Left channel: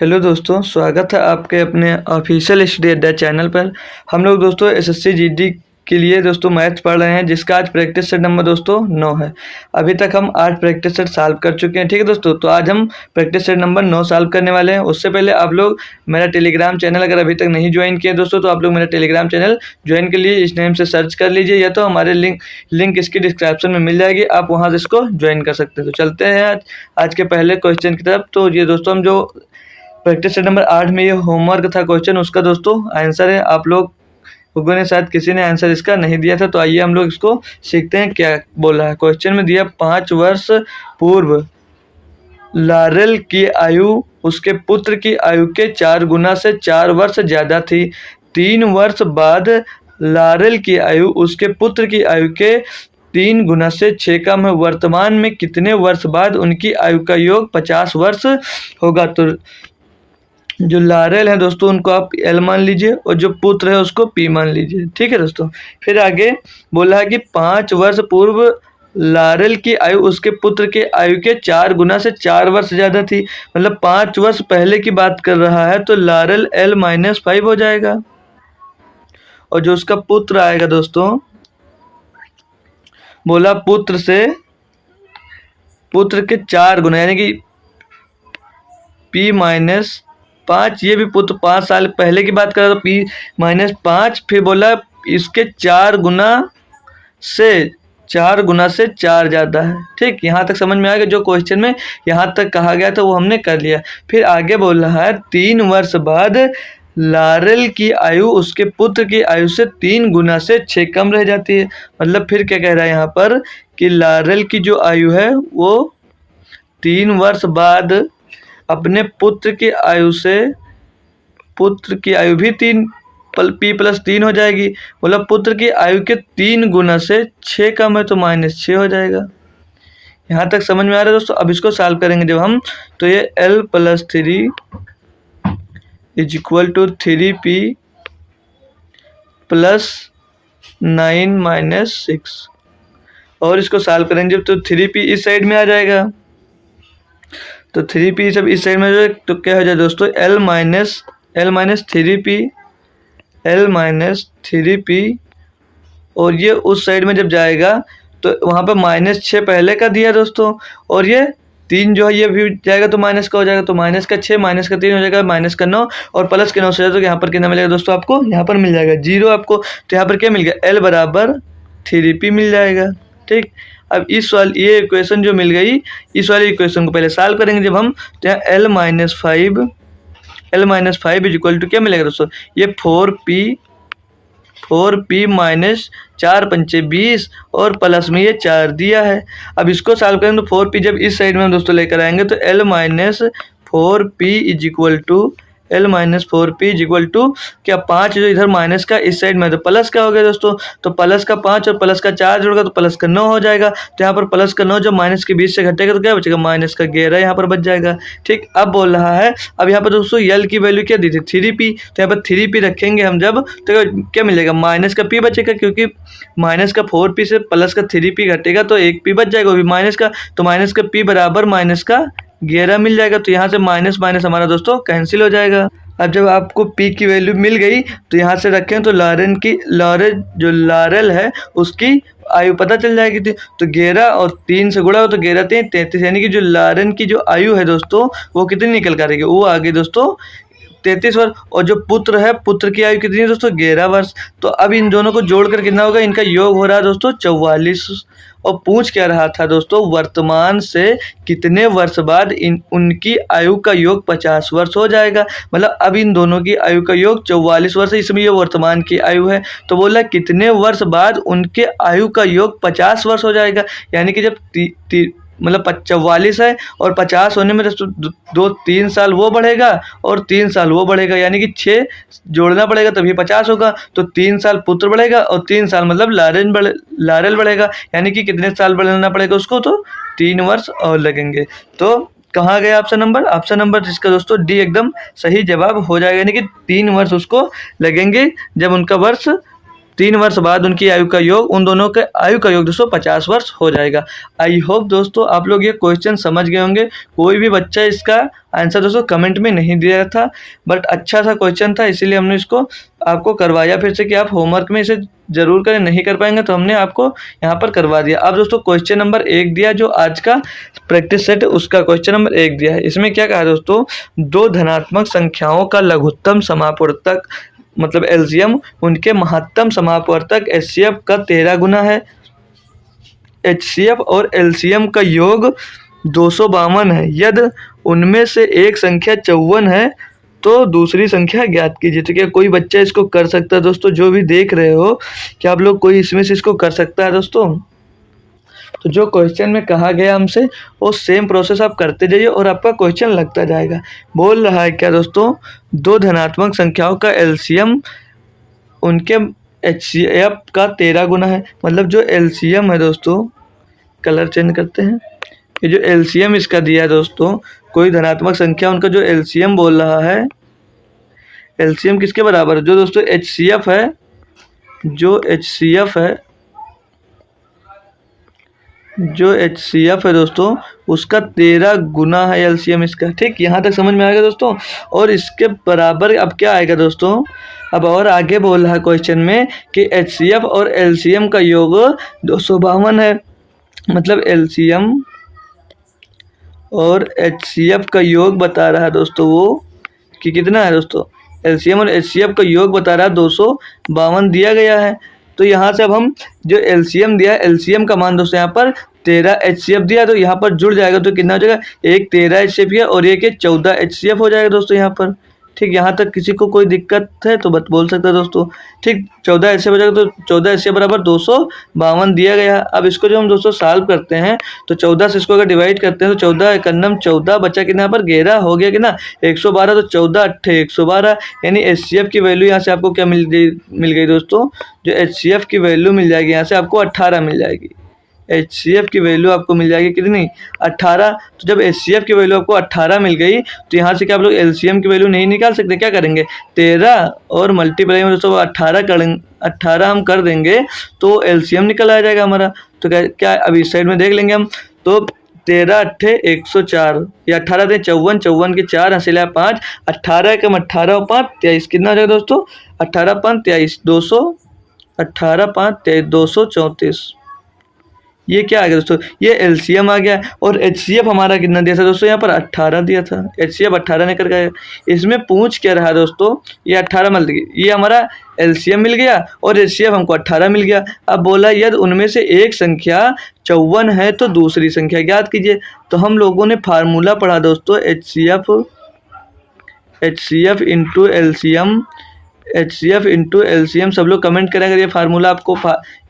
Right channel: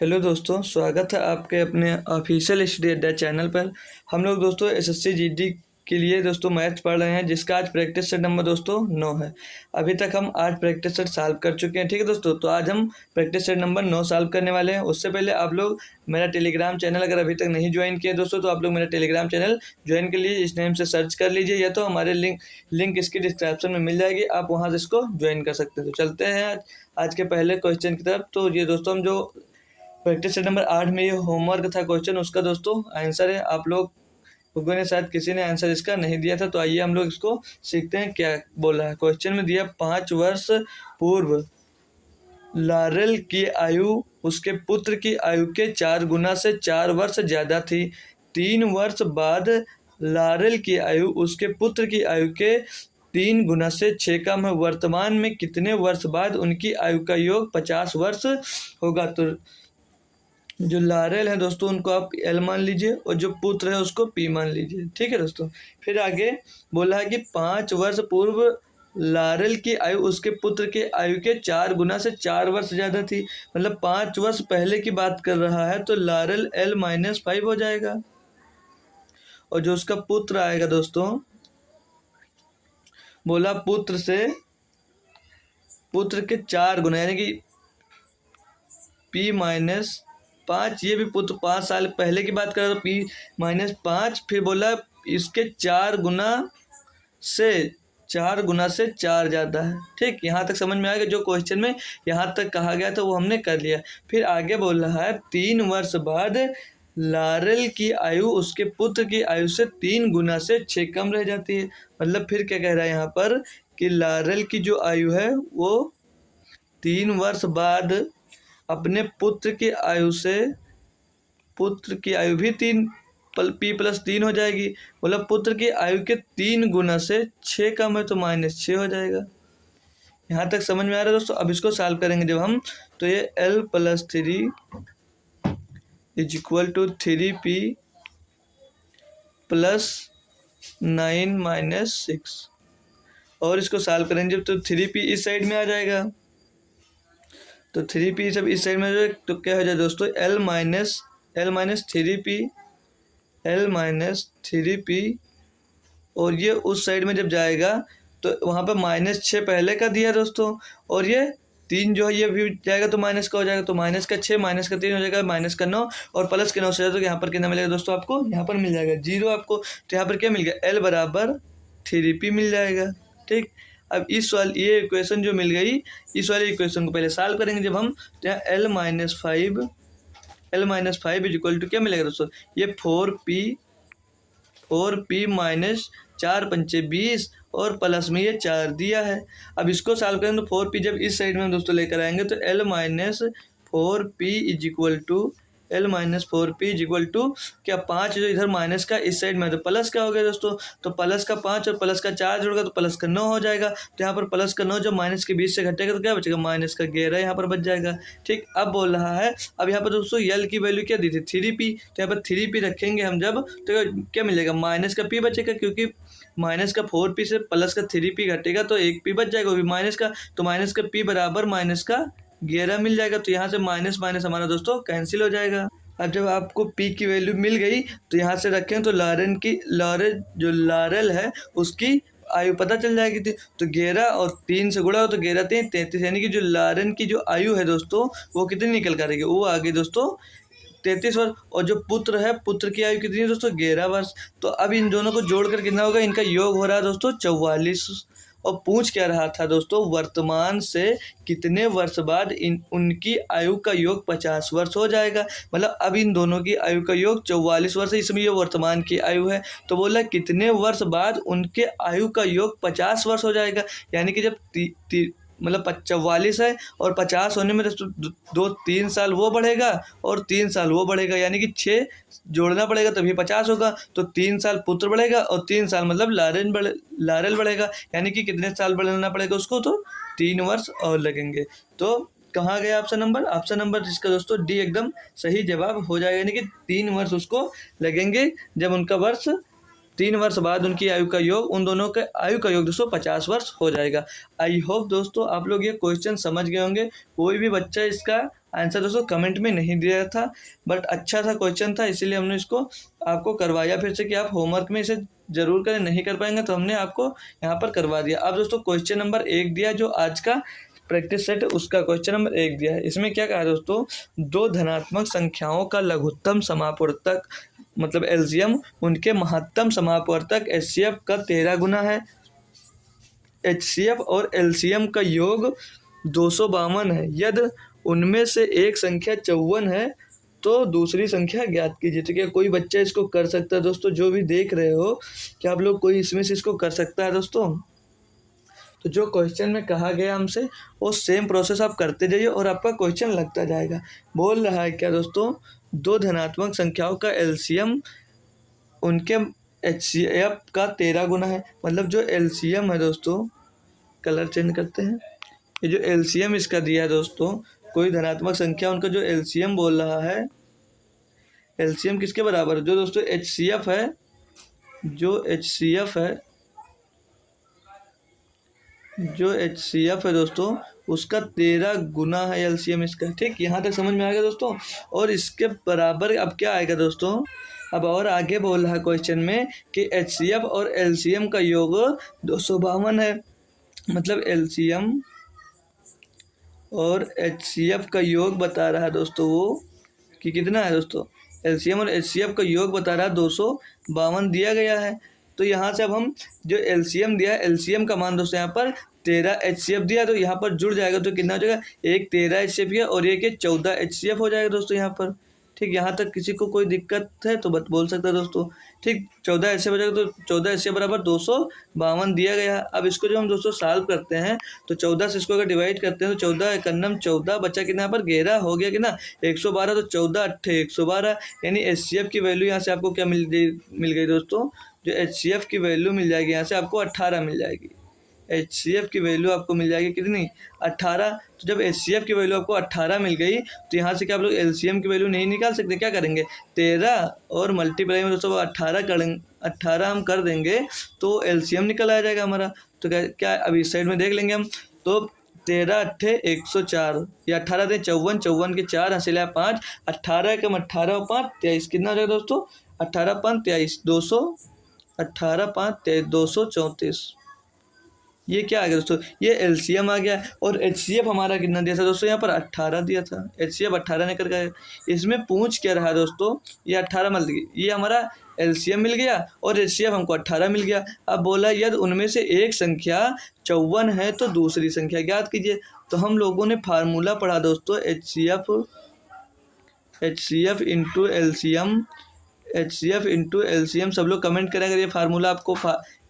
Hello दोस्तों, स्वागत है आपके अपने ऑफिशियल स्टडी अड्डा चैनल पर। हम लोग दोस्तों एसएससी जीडी के लिए दोस्तों मैथ्स पढ़ रहे हैं, जिसका आज प्रैक्टिस सेट नंबर दोस्तों 9 है। अभी तक हम 8 प्रैक्टिस सेट सॉल्व कर चुके हैं। ठीक है दोस्तों, तो आज हम प्रैक्टिस सेट नंबर 9 सॉल्व करने वाले हैं। उससे पहले आप लोग मेरा टेलीग्राम चैनल अगर अभी तक नहीं ज्वाइन किए दोस्तों, तो आप लोग मेरा टेलीग्राम चैनल ज्वाइन के लिए इस नेम से सर्च कर लीजिए, या तो हमारे लिंक इसकी डिस्क्रिप्शन में मिल जाएगी, आप वहाँ से इसको ज्वाइन कर सकते हैं। तो चलते हैं आज के पहले क्वेश्चन की तरफ। तो ये दोस्तों हम जो प्रैक्टिस सेट नंबर 8 में ये होमवर्क था क्वेश्चन, उसका दोस्तों आंसर है। आप लोगों ने शायद किसी ने आंसर इसका नहीं दिया था, तो आइए हम लोग इसको सीखते हैं क्या बोला है। क्वेश्चन में दिया 5 वर्ष पूर्व लारेल की आयु उसके पुत्र की आयु के 4 गुना से 4 वर्ष ज़्यादा थी। 3 वर्ष बाद लारेल की आयु उसके पुत्र की आयु के 3 गुना से 6 कम है। वर्तमान में कितने वर्ष बाद उनकी आयु का योग 50 वर्ष होगा? तो जो लारेल है दोस्तों उनको आप एल मान लीजिए, और जो पुत्र है उसको पी मान लीजिए। ठीक है दोस्तों, फिर आगे बोला है कि 5 वर्ष पूर्व लारेल की आयु उसके पुत्र के आयु के 4 गुना से 4 वर्ष ज़्यादा थी। मतलब 5 वर्ष पहले की बात कर रहा है, तो लारेल L-5 हो जाएगा। और जो उसका पुत्र आएगा दोस्तों, बोला पुत्र के 4 गुना, यानी कि P-5, ये भी पुत्र 5 साल पहले की बात कर रहा, तो P-5, फिर बोला इसके 4 गुना से 4 ज़्यादा है। ठीक, यहाँ तक समझ में आ गया। जो क्वेश्चन में यहाँ तक कहा गया था वो हमने कर लिया। फिर आगे बोल रहा है 3 वर्ष बाद लारेल की आयु उसके पुत्र की आयु से 3 गुना से 6 कम रह जाती है। मतलब फिर क्या कह रहा है यहाँ पर कि लारेल की जो आयु है वो 3 वर्ष बाद अपने पुत्र की आयु भी 3 P+3 हो जाएगी। मतलब पुत्र की आयु के 3 गुना से 6 कम है, तो -6 हो जाएगा। यहाँ तक समझ में आ रहा है दोस्तों। अब इसको सॉल्व करेंगे जब हम, तो ये L+3 = 3P + 9 - 6, और इसको सॉल्व करेंगे जब, तो 3P इस साइड में आ जाएगा। तो 3P सब इस साइड में जो, तो क्या हो जाए दोस्तों L-3P, और ये उस साइड में जब जाएगा तो वहाँ पर -6 पहले का दिया दोस्तों, और ये 3 जो है ये भी जाएगा तो माइनस का हो जाएगा, तो -6 -3 हो जाएगा, -9 और प्लस के 9 से जाए, तो यहाँ पर कितना मिलेगा दोस्तों? आपको यहाँ पर मिल जाएगा 0 आपको। तो यहाँ पर क्या मिल गया? L बराबर 3P मिल जाएगा। ठीक, अब ये इक्वेशन जो मिल गई, इस वाले इक्वेशन को पहले सॉल्व करेंगे जब हम, तो यहाँ L-5 = क्या मिलेगा दोस्तों? ये 4P -4 पंचे 20, और प्लस में ये 4 दिया है। अब इसको सॉल्व करेंगे तो 4P जब इस साइड में हम दोस्तों लेकर आएंगे, तो L-4P = क्या 5 जो इधर माइनस का इस साइड में, तो प्लस का हो गया दोस्तों। तो प्लस का 5 और प्लस का 4 जोड़ेगा तो प्लस का 9 हो जाएगा। तो यहाँ पर प्लस का 9 जब माइनस के 20 से घटेगा तो क्या बचेगा? माइनस का 11 यहाँ पर बच जाएगा। ठीक, अब बोल रहा है, अब यहाँ पर दोस्तों L की वैल्यू क्या दी थी? 3P। तो यहाँ पर 3P रखेंगे हम जब, तो क्या मिलेगा? माइनस का P बचेगा, क्योंकि माइनस का 4P से प्लस का 3P घटेगा तो 1 P बच जाएगा, वो भी माइनस का। तो माइनस का P बराबर माइनस का 11 मिल जाएगा। तो यहाँ से माइनस माइनस हमारा दोस्तों कैंसिल हो जाएगा। अब जब आपको P की वैल्यू मिल गई, तो यहाँ से रखें तो लारेल है उसकी आयु पता चल जाएगी थी। तो 11 और 3 से गुणा हो तो 11 3 33, यानी कि जो लारेल की जो आयु है दोस्तों वो कितनी निकल कर आएगी? वो आगे दोस्तों 33 वर्ष। और जो पुत्र की आयु कितनी है दोस्तों? 11 वर्ष। तो अब इन दोनों को जोड़कर कितना होगा? इनका योग हो रहा है दोस्तों 44। और पूछ क्या रहा था दोस्तों? वर्तमान से कितने वर्ष बाद उनकी आयु का योग 50 वर्ष हो जाएगा। मतलब अब इन दोनों की आयु का योग 44 वर्ष है, इसमें ये वर्तमान की आयु है। तो बोला कितने वर्ष बाद उनके आयु का योग 50 वर्ष हो जाएगा। यानी कि जब मतलब 44 है और 50 होने में तो 3 साल वो बढ़ेगा और 3 साल वो बढ़ेगा, यानी कि 6 जोड़ना पड़ेगा तभी 50 होगा। तो 3 साल पुत्र बढ़ेगा और 3 साल मतलब लारेल बढ़ेगा, यानी कि कितने साल बढ़ाना पड़ेगा उसको? तो 3 वर्ष और लगेंगे। तो कहाँ गया ऑप्शन नंबर जिसका दोस्तों डी एकदम सही जवाब हो जाएगा, यानी कि 3 वर्ष उसको लगेंगे जब उनका वर्ष 3 वर्ष बाद उनकी आयु का योग, उन दोनों के आयु का योग दोस्तों 50 वर्ष हो जाएगा। आई होप दोस्तों आप लोग ये क्वेश्चन समझ गए होंगे। कोई भी बच्चा इसका आंसर दोस्तों कमेंट में नहीं दिया था, बट अच्छा सा क्वेश्चन था, इसीलिए हमने इसको आपको करवाया फिर से कि आप होमवर्क में इसे ज़रूर करें। नहीं कर पाएंगे तो हमने आपको यहाँ पर करवा दिया। अब दोस्तों क्वेश्चन नंबर 1 दिया, जो आज का प्रैक्टिस सेट उसका क्वेश्चन नंबर 1 दिया है। इसमें क्या कहा है दोस्तों, दो धनात्मक संख्याओं का लघुत्तम समापवर्तक मतलब एलसीएम उनके महत्तम समापवर्तक एचसीएफ का 13 गुना है। एचसीएफ और एलसीएम का योग 252 है। यदि उनमें से एक संख्या 54 है तो दूसरी संख्या ज्ञात कीजिए। तो क्या कोई बच्चा इसको कर सकता है दोस्तों? जो भी देख रहे हो, क्या आप लोग कोई इसमें से इसको कर सकता है दोस्तों? तो जो क्वेश्चन में कहा गया हमसे वो सेम प्रोसेस आप करते जाइए और आपका क्वेश्चन लगता जाएगा। बोल रहा है क्या दोस्तों, दो धनात्मक संख्याओं का एलसीएम उनके एचसीएफ का 13 गुना है। मतलब जो एलसीएम है दोस्तों, कलर चेंज करते हैं, ये जो एलसीएम इसका दिया है दोस्तों, कोई धनात्मक संख्या उनका जो एलसीएम बोल रहा है, एलसीएम किसके बराबर है? जो दोस्तों एचसीएफ है, जो एचसीएफ है दोस्तों उसका 13 गुना है एलसीएम इसका। ठीक, यहाँ तक समझ में आएगा दोस्तों। और इसके बराबर अब क्या आएगा दोस्तों, अब और आगे बोल रहा है क्वेश्चन में कि एचसीएफ और एलसीएम का योग 252 है। मतलब एलसीएम और एचसीएफ का योग बता रहा है दोस्तों वो कि कितना है दोस्तों, एलसीएम और एचसीएफ का योग बता रहा है 252 दिया गया है। तो यहाँ से अब हम जो एलसीएम दिया है, एलसीएम का मान दोस्तों यहाँ पर 13 एचसीएफ दिया, तो यहाँ पर जुड़ जाएगा तो कितना हो जाएगा, एक 13 एचसीएफ है और एक 14 एचसीएफ हो जाएगा दोस्तों यहाँ पर। ठीक, यहाँ तक किसी को कोई दिक्कत है तो बोल सकता है दोस्तों। ठीक, 14 एचसीएफ हो जाएगा तो 14 एचसीएफ बराबर 252 दिया गया है। अब इसको जो हम दोस्तों सॉल्व करते हैं तो 14 से इसको अगर डिवाइड करते हैं तो 14 एकन्नम 14 बचा कितना पर 11 हो गया कि ना 112, तो 14 अट्ठे 112, यानी एचसीएफ की वैल्यू यहाँ से आपको क्या मिल गई दोस्तों, जो एचसीएफ की वैल्यू मिल जाएगी यहाँ से आपको 18 मिल जाएगी। एचसीएफ की वैल्यू आपको मिल जाएगी कितनी, 18। तो जब एचसीएफ की वैल्यू आपको 18 मिल गई तो यहाँ से क्या आप लोग एलसीएम की वैल्यू नहीं निकाल सकते? क्या करेंगे, 13 और मल्टीप्लाई में दोस्तों 18 करेंगे, 18 हम कर देंगे तो एलसीएम निकल आ जाएगा हमारा। तो क्या अभी इस साइड में देख लेंगे हम, तो 13 अट्ठे 104 या 18 थे 54, 54 के 4 हंसिला 5, 18 कम 18 और 5 23, कितना हो जाएगा दोस्तों, 18 5 23, 200, 18 5 23 234। ये क्या आ गया दोस्तों, ये एलसीएम आ गया। और एचसीएफ हमारा कितना दिया था दोस्तों, यहाँ पर 18 दिया था, एचसीएफ 18 निकल गया। इसमें पूछ क्या रहा दोस्तों, ये 18 मिल गया, ये हमारा एलसीएम मिल गया और एचसीएफ हमको 18 मिल गया। अब बोला यदि उनमें से एक संख्या 54 है तो दूसरी संख्या ज्ञात कीजिए। तो हम लोगों ने फार्मूला पढ़ा दोस्तों, HCF into LCM, HCF into LCM. सब लोग कमेंट करें अगर ये फार्मूला आपको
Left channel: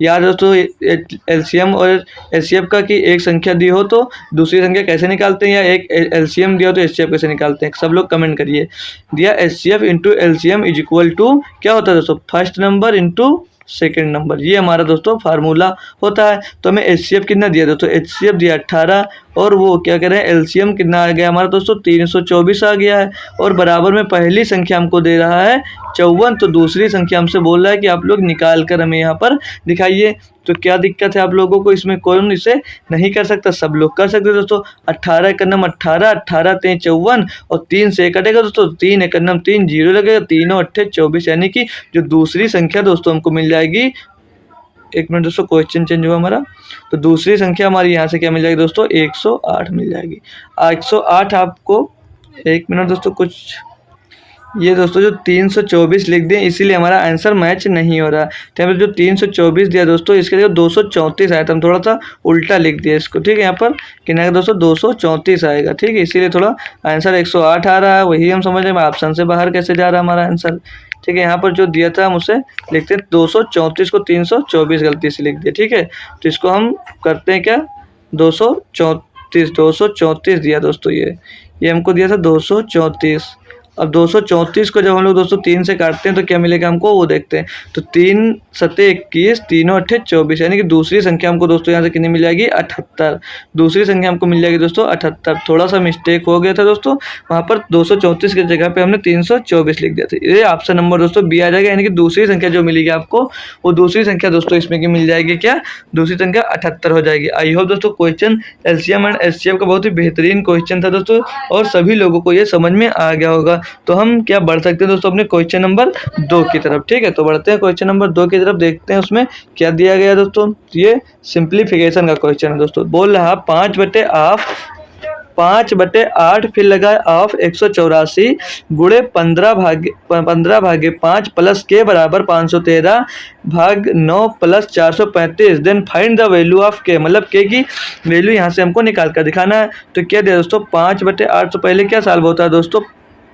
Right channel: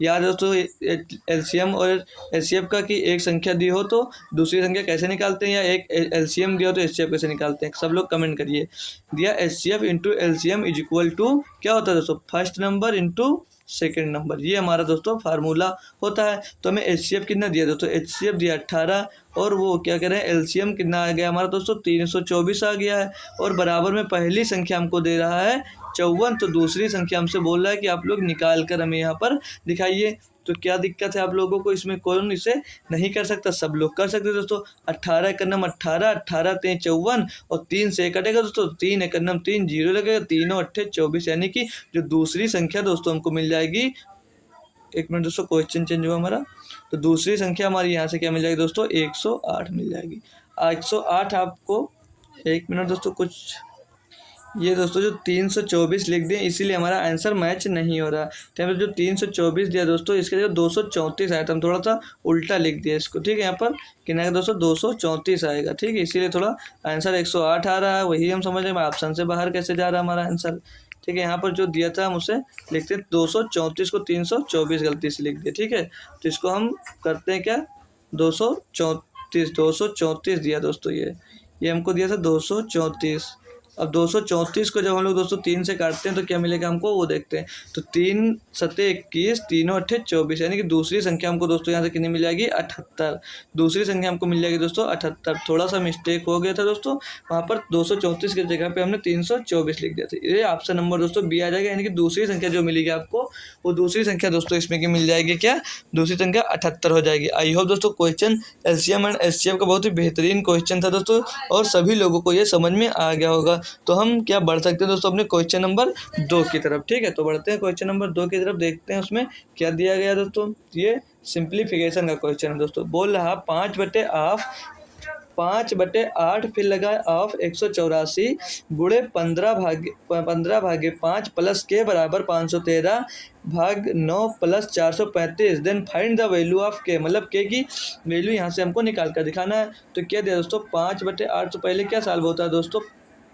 याद हो तो, एलसीएम और एचसीएफ का कि एक संख्या दी हो तो दूसरी संख्या कैसे निकालते हैं, या एक एलसीएम दिया हो तो एचसीएफ कैसे निकालते हैं। सब लोग कमेंट करिए। दिया HCF into LCM is equal to क्या होता है दोस्तों, first number into second number, ये हमारा दोस्तों फार्मूला होता है। तो हमें एचसीएफ कितना दिया दोस्तों, एचसीएफ दिया 18 और वो क्या कह रहे हैं एलसीएम कितना आ गया हमारा दोस्तों 324 आ गया है। और बराबर में पहली संख्या हमको दे रहा है 54, तो दूसरी संख्या हमसे बोल रहा है कि आप लोग निकाल कर हमें यहाँ पर दिखाइए। तो क्या दिक्कत है आप लोगों को इसमें, कौन इसे नहीं कर सकता, सब लोग कर सकते दोस्तों। 18 एकन्नम 18, 18 3 54 और 3 से कटेगा दोस्तों, 3 एकन्नम 3 जीरो लगेगा, 3 अट्ठे 24, यानी कि जो दूसरी संख्या दोस्तों हमको मिल जाएगी। एक मिनट दोस्तों, क्वेश्चन चेंज हुआ हमारा। तो दूसरी संख्या हमारी यहाँ से क्या मिल जाएगी दोस्तों, 108 मिल जाएगी। 108 आपको, एक मिनट दोस्तों, कुछ ये दोस्तों जो 324 लिख दें इसीलिए हमारा आंसर मैच नहीं हो रहा। तो यहाँ पर जो 324 दिया दोस्तों इसके जगह 234 आया था, हम थोड़ा सा उल्टा लिख दिया इसको। ठीक है, यहाँ पर कितना है दोस्तों 234 आएगा। ठीक है, इसीलिए थोड़ा आंसर 108 आ रहा है, वही हम समझ रहे हैं ऑप्शन से बाहर कैसे जा रहा है हमारा आंसर। ठीक है, यहाँ पर जो दिया था हम उसे लिखते हैं 234 को 324 गलती से लिख दिया। ठीक है, तो इसको हम करते हैं क्या, 234 दिया दोस्तों, ये हमको दिया था 234। अब 234 को जब हम लोग दोस्तों 3 से काटते हैं तो क्या मिलेगा हमको वो देखते हैं। तो 3 सत्ते 21, तीनों अट्ठे 24, यानी कि दूसरी संख्या हमको दोस्तों यहाँ से कितनी मिल जाएगी 78। दूसरी संख्या हमको मिल जाएगी दोस्तों 78। थोड़ा सा मिस्टेक हो गया था दोस्तों, वहाँ पर 234 की जगह पे हमने 324 लिख दिया था। ये ऑप्शन नंबर दोस्तों बी आ जाएगा, यानी कि दूसरी संख्या जो मिलेगी आपको वो दूसरी संख्या दोस्तों इसमें की मिल जाएगी क्या, दूसरी संख्या 78 हो जाएगी। आई होप दोस्तों क्वेश्चन एलसीएम एंड एचसीएफ का बहुत ही बेहतरीन क्वेश्चन था दोस्तों, और सभी लोगों को ये समझ में आ गया होगा। तो हम क्या बढ़ सकते हैं दोस्तों अपने क्वेश्चन नंबर 2 की तरफ। ठीक है, तो बढ़ते हैं क्वेश्चन नंबर 2 की तरफ, देखते हैं उसमें क्या दिया गया दोस्तों। ये सिंप्लीफिकेशन का क्वेश्चन है दोस्तों। बोल रहा 5/8 फिर लगा ऑफ 184 गुणे 15/5 प्लस के बराबर 513 भाग 9 plus 435। Then find the value of K, मतलब के की वैल्यू यहाँ से हमको निकाल कर दिखाना है। तो क्या दिया दोस्तों 5/8, तो पहले क्या सॉल्व होता है दोस्तों,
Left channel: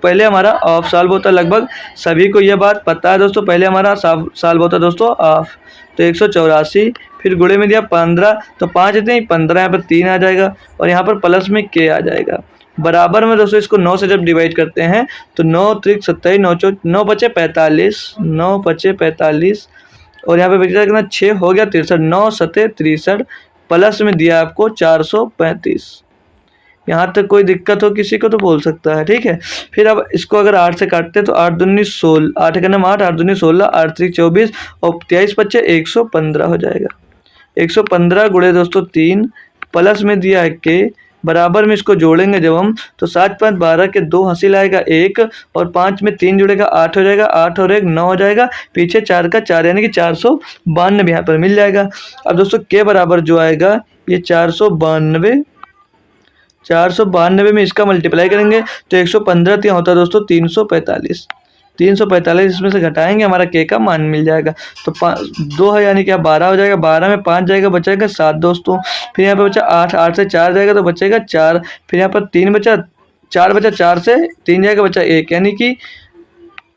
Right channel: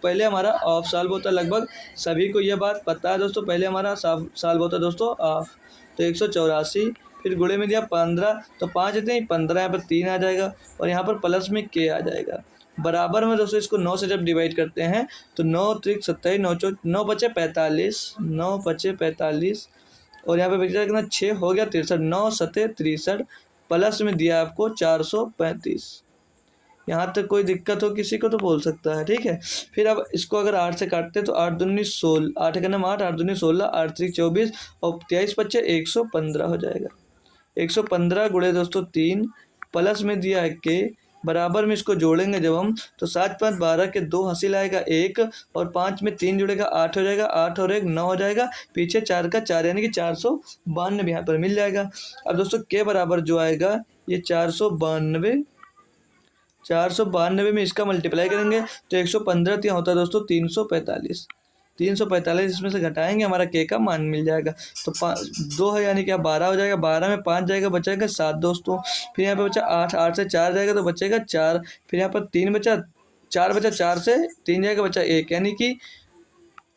पहले हमारा ऑफ सॉल्व होता है। लगभग सभी को यह बात पता है दोस्तों, पहले हमारा सॉल्व होता है दोस्तों ऑफ। तो 184 फिर गुणे में दिया 15, तो 5 इतने 15, यहाँ पर 3 आ जाएगा और यहाँ पर प्लस में के आ जाएगा। बराबर में दोस्तों इसको 9 से जब डिवाइड करते हैं तो 9 त्रिक 27, 9 बचे 45, 9 बचे 45 और यहाँ पे बचा कितना 6 हो गया 63, 9 सते 63 प्लस में दिया आपको 435। यहाँ तक कोई दिक्कत हो किसी को तो बोल सकता है। ठीक है, फिर अब इसको अगर 8 से काटते हैं तो 8 दूनी 16, 8 का नाम 8, 8 दूनी 16, 8 त्रिक 24 और 23 बच्चे 115 हो जाएगा। 115 गुणे दोस्तों 3 प्लस में दिया है के, बराबर में इसको जोड़ेंगे जब हम तो 7 5 12 के 2 हासिल आएगा 1 और 5 में 3 जुड़ेगा 8 हो जाएगा, 8 और 1 9 हो जाएगा, पीछे 4 का 4 यानी कि 492 यहाँ पर मिल जाएगा। अब दोस्तों के बराबर जो आएगा ये 492 में इसका मल्टीप्लाई करेंगे तो 115 यहाँ होता है दोस्तों 345। 345 इसमें से घटाएंगे हमारा के का मान मिल जाएगा। तो 2 है यानी कि 12 हो जाएगा, 12 में 5 जाएगा बचेगा 7 दोस्तों। फिर यहाँ पे बचा 8, 8 से 4 जाएगा तो बचेगा 4, फिर यहाँ पर 3 बचा, 4 बचा, 4 से 3 जाएगा बचा 1, यानी कि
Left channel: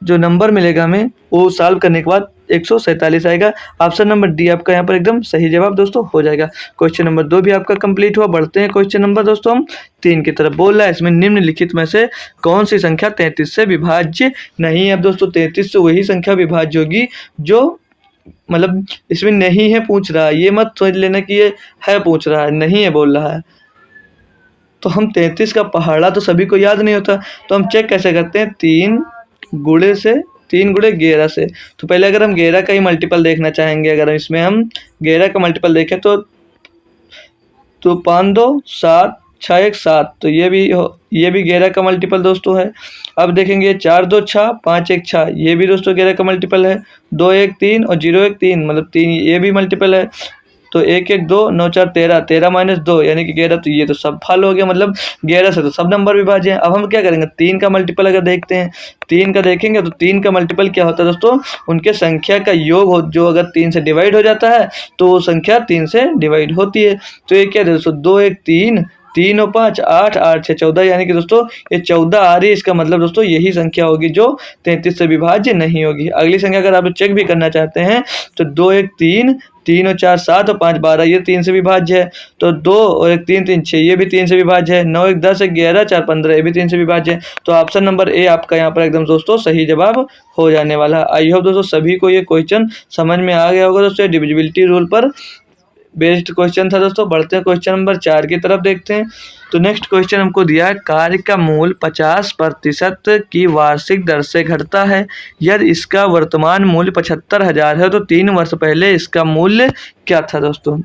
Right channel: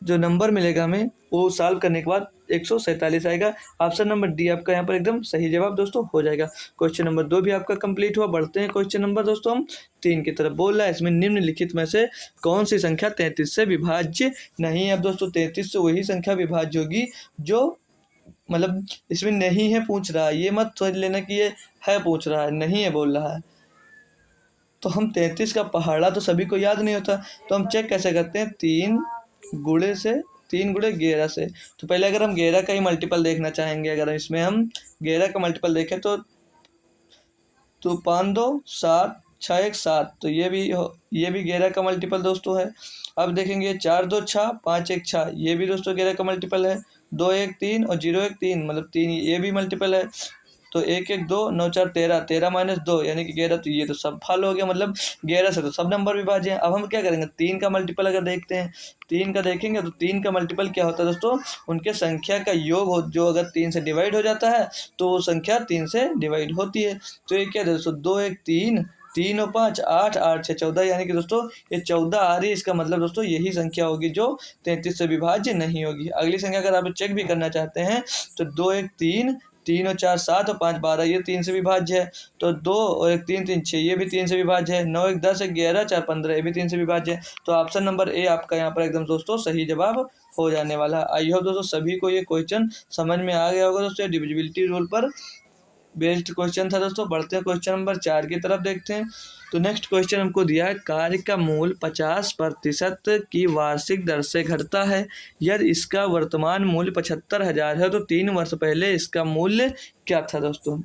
जो नंबर मिलेगा हमें वो सॉल्व करने के बाद 147 आएगा। ऑप्शन नंबर डी आपका यहाँ पर एकदम सही जवाब दोस्तों हो जाएगा। क्वेश्चन नंबर 2 भी आपका कंप्लीट हुआ। बढ़ते हैं क्वेश्चन नंबर दोस्तों हम 3 की तरफ। बोल रहा है इसमें निम्नलिखित में से कौन सी संख्या 33 से विभाज्य नहीं है। अब दोस्तों 33 से वही संख्या विभाज्य होगी जो, मतलब इसमें नहीं है पूछ रहा है, ये मत सोच लेना कि ये है पूछ रहा है, नहीं है बोल रहा है। तो हम 33 का पहाड़ा तो सभी को याद नहीं होता, तो हम चेक कैसे करते हैं 3 गुणे 11 से। तो पहले अगर हम 11 का ही मल्टीपल देखना चाहेंगे, अगर इसमें हम 11 का मल्टीपल देखें तो 5 2 7 6 1 7, तो ये भी 11 का मल्टीपल दोस्तों है। अब देखेंगे 4 2 6 5 1 6, ये भी दोस्तों 11 का मल्टीपल है। 2 1 3 और 0 1 3, मतलब 3 ये भी मल्टीपल है। तो 1 1 2 9 4 13, 13 माइनस 2 यानी कि 11, तो ये तो सब फॉल हो गया, मतलब 11 से तो सब नंबर विभाज्य हैं। अब हम क्या करेंगे 3 का मल्टीपल अगर देखते हैं, 3 का देखेंगे तो 3 का मल्टीपल क्या होता है दोस्तों, उनके संख्या का योग हो, जो अगर 3 से डिवाइड हो जाता है तो वो संख्या 3 से डिवाइड होती है। तो ये क्या है दोस्तों 2 1 3, 3 और 5 8, 8 6 14, यानी कि दोस्तों ये 14 आ रही है। इसका मतलब दोस्तों यही संख्या होगी जो 33 से विभाज्य नहीं होगी। अगली संख्या अगर आप चेक भी करना चाहते हैं तो 2 1 3, 3 और 4 7 और 5 12, ये 3 से विभाज्य है। तो 2 और 1 3 3 6, ये भी 3 से विभाज्य है। 9 1 10 11 4 15, ये भी 3 से विभाज्य है। तो ऑप्शन नंबर ए आपका यहाँ पर एकदम दोस्तों सही जवाब हो जाने वाला है। आई होप दोस्तों सभी को ये क्वेश्चन समझ में आ गया होगा दोस्तों, डिविजिबिलिटी रूल पर बेस्ड क्वेश्चन था दोस्तों। बढ़ते हैं क्वेश्चन नंबर 4 की तरफ देखते हैं। तो नेक्स्ट क्वेश्चन हमको दिया है कार्य का मूल 50% की वार्षिक दर से घटता है यदि इसका वर्तमान मूल्य 75,000 है तो 3 वर्ष पहले इसका मूल्य क्या था दोस्तों।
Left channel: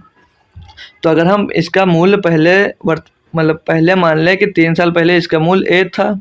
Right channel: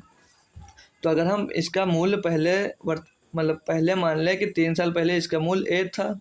तो अगर हम इसका मूल्य पहले मान लें कि 3 साल पहले इसका मूल्य ए था,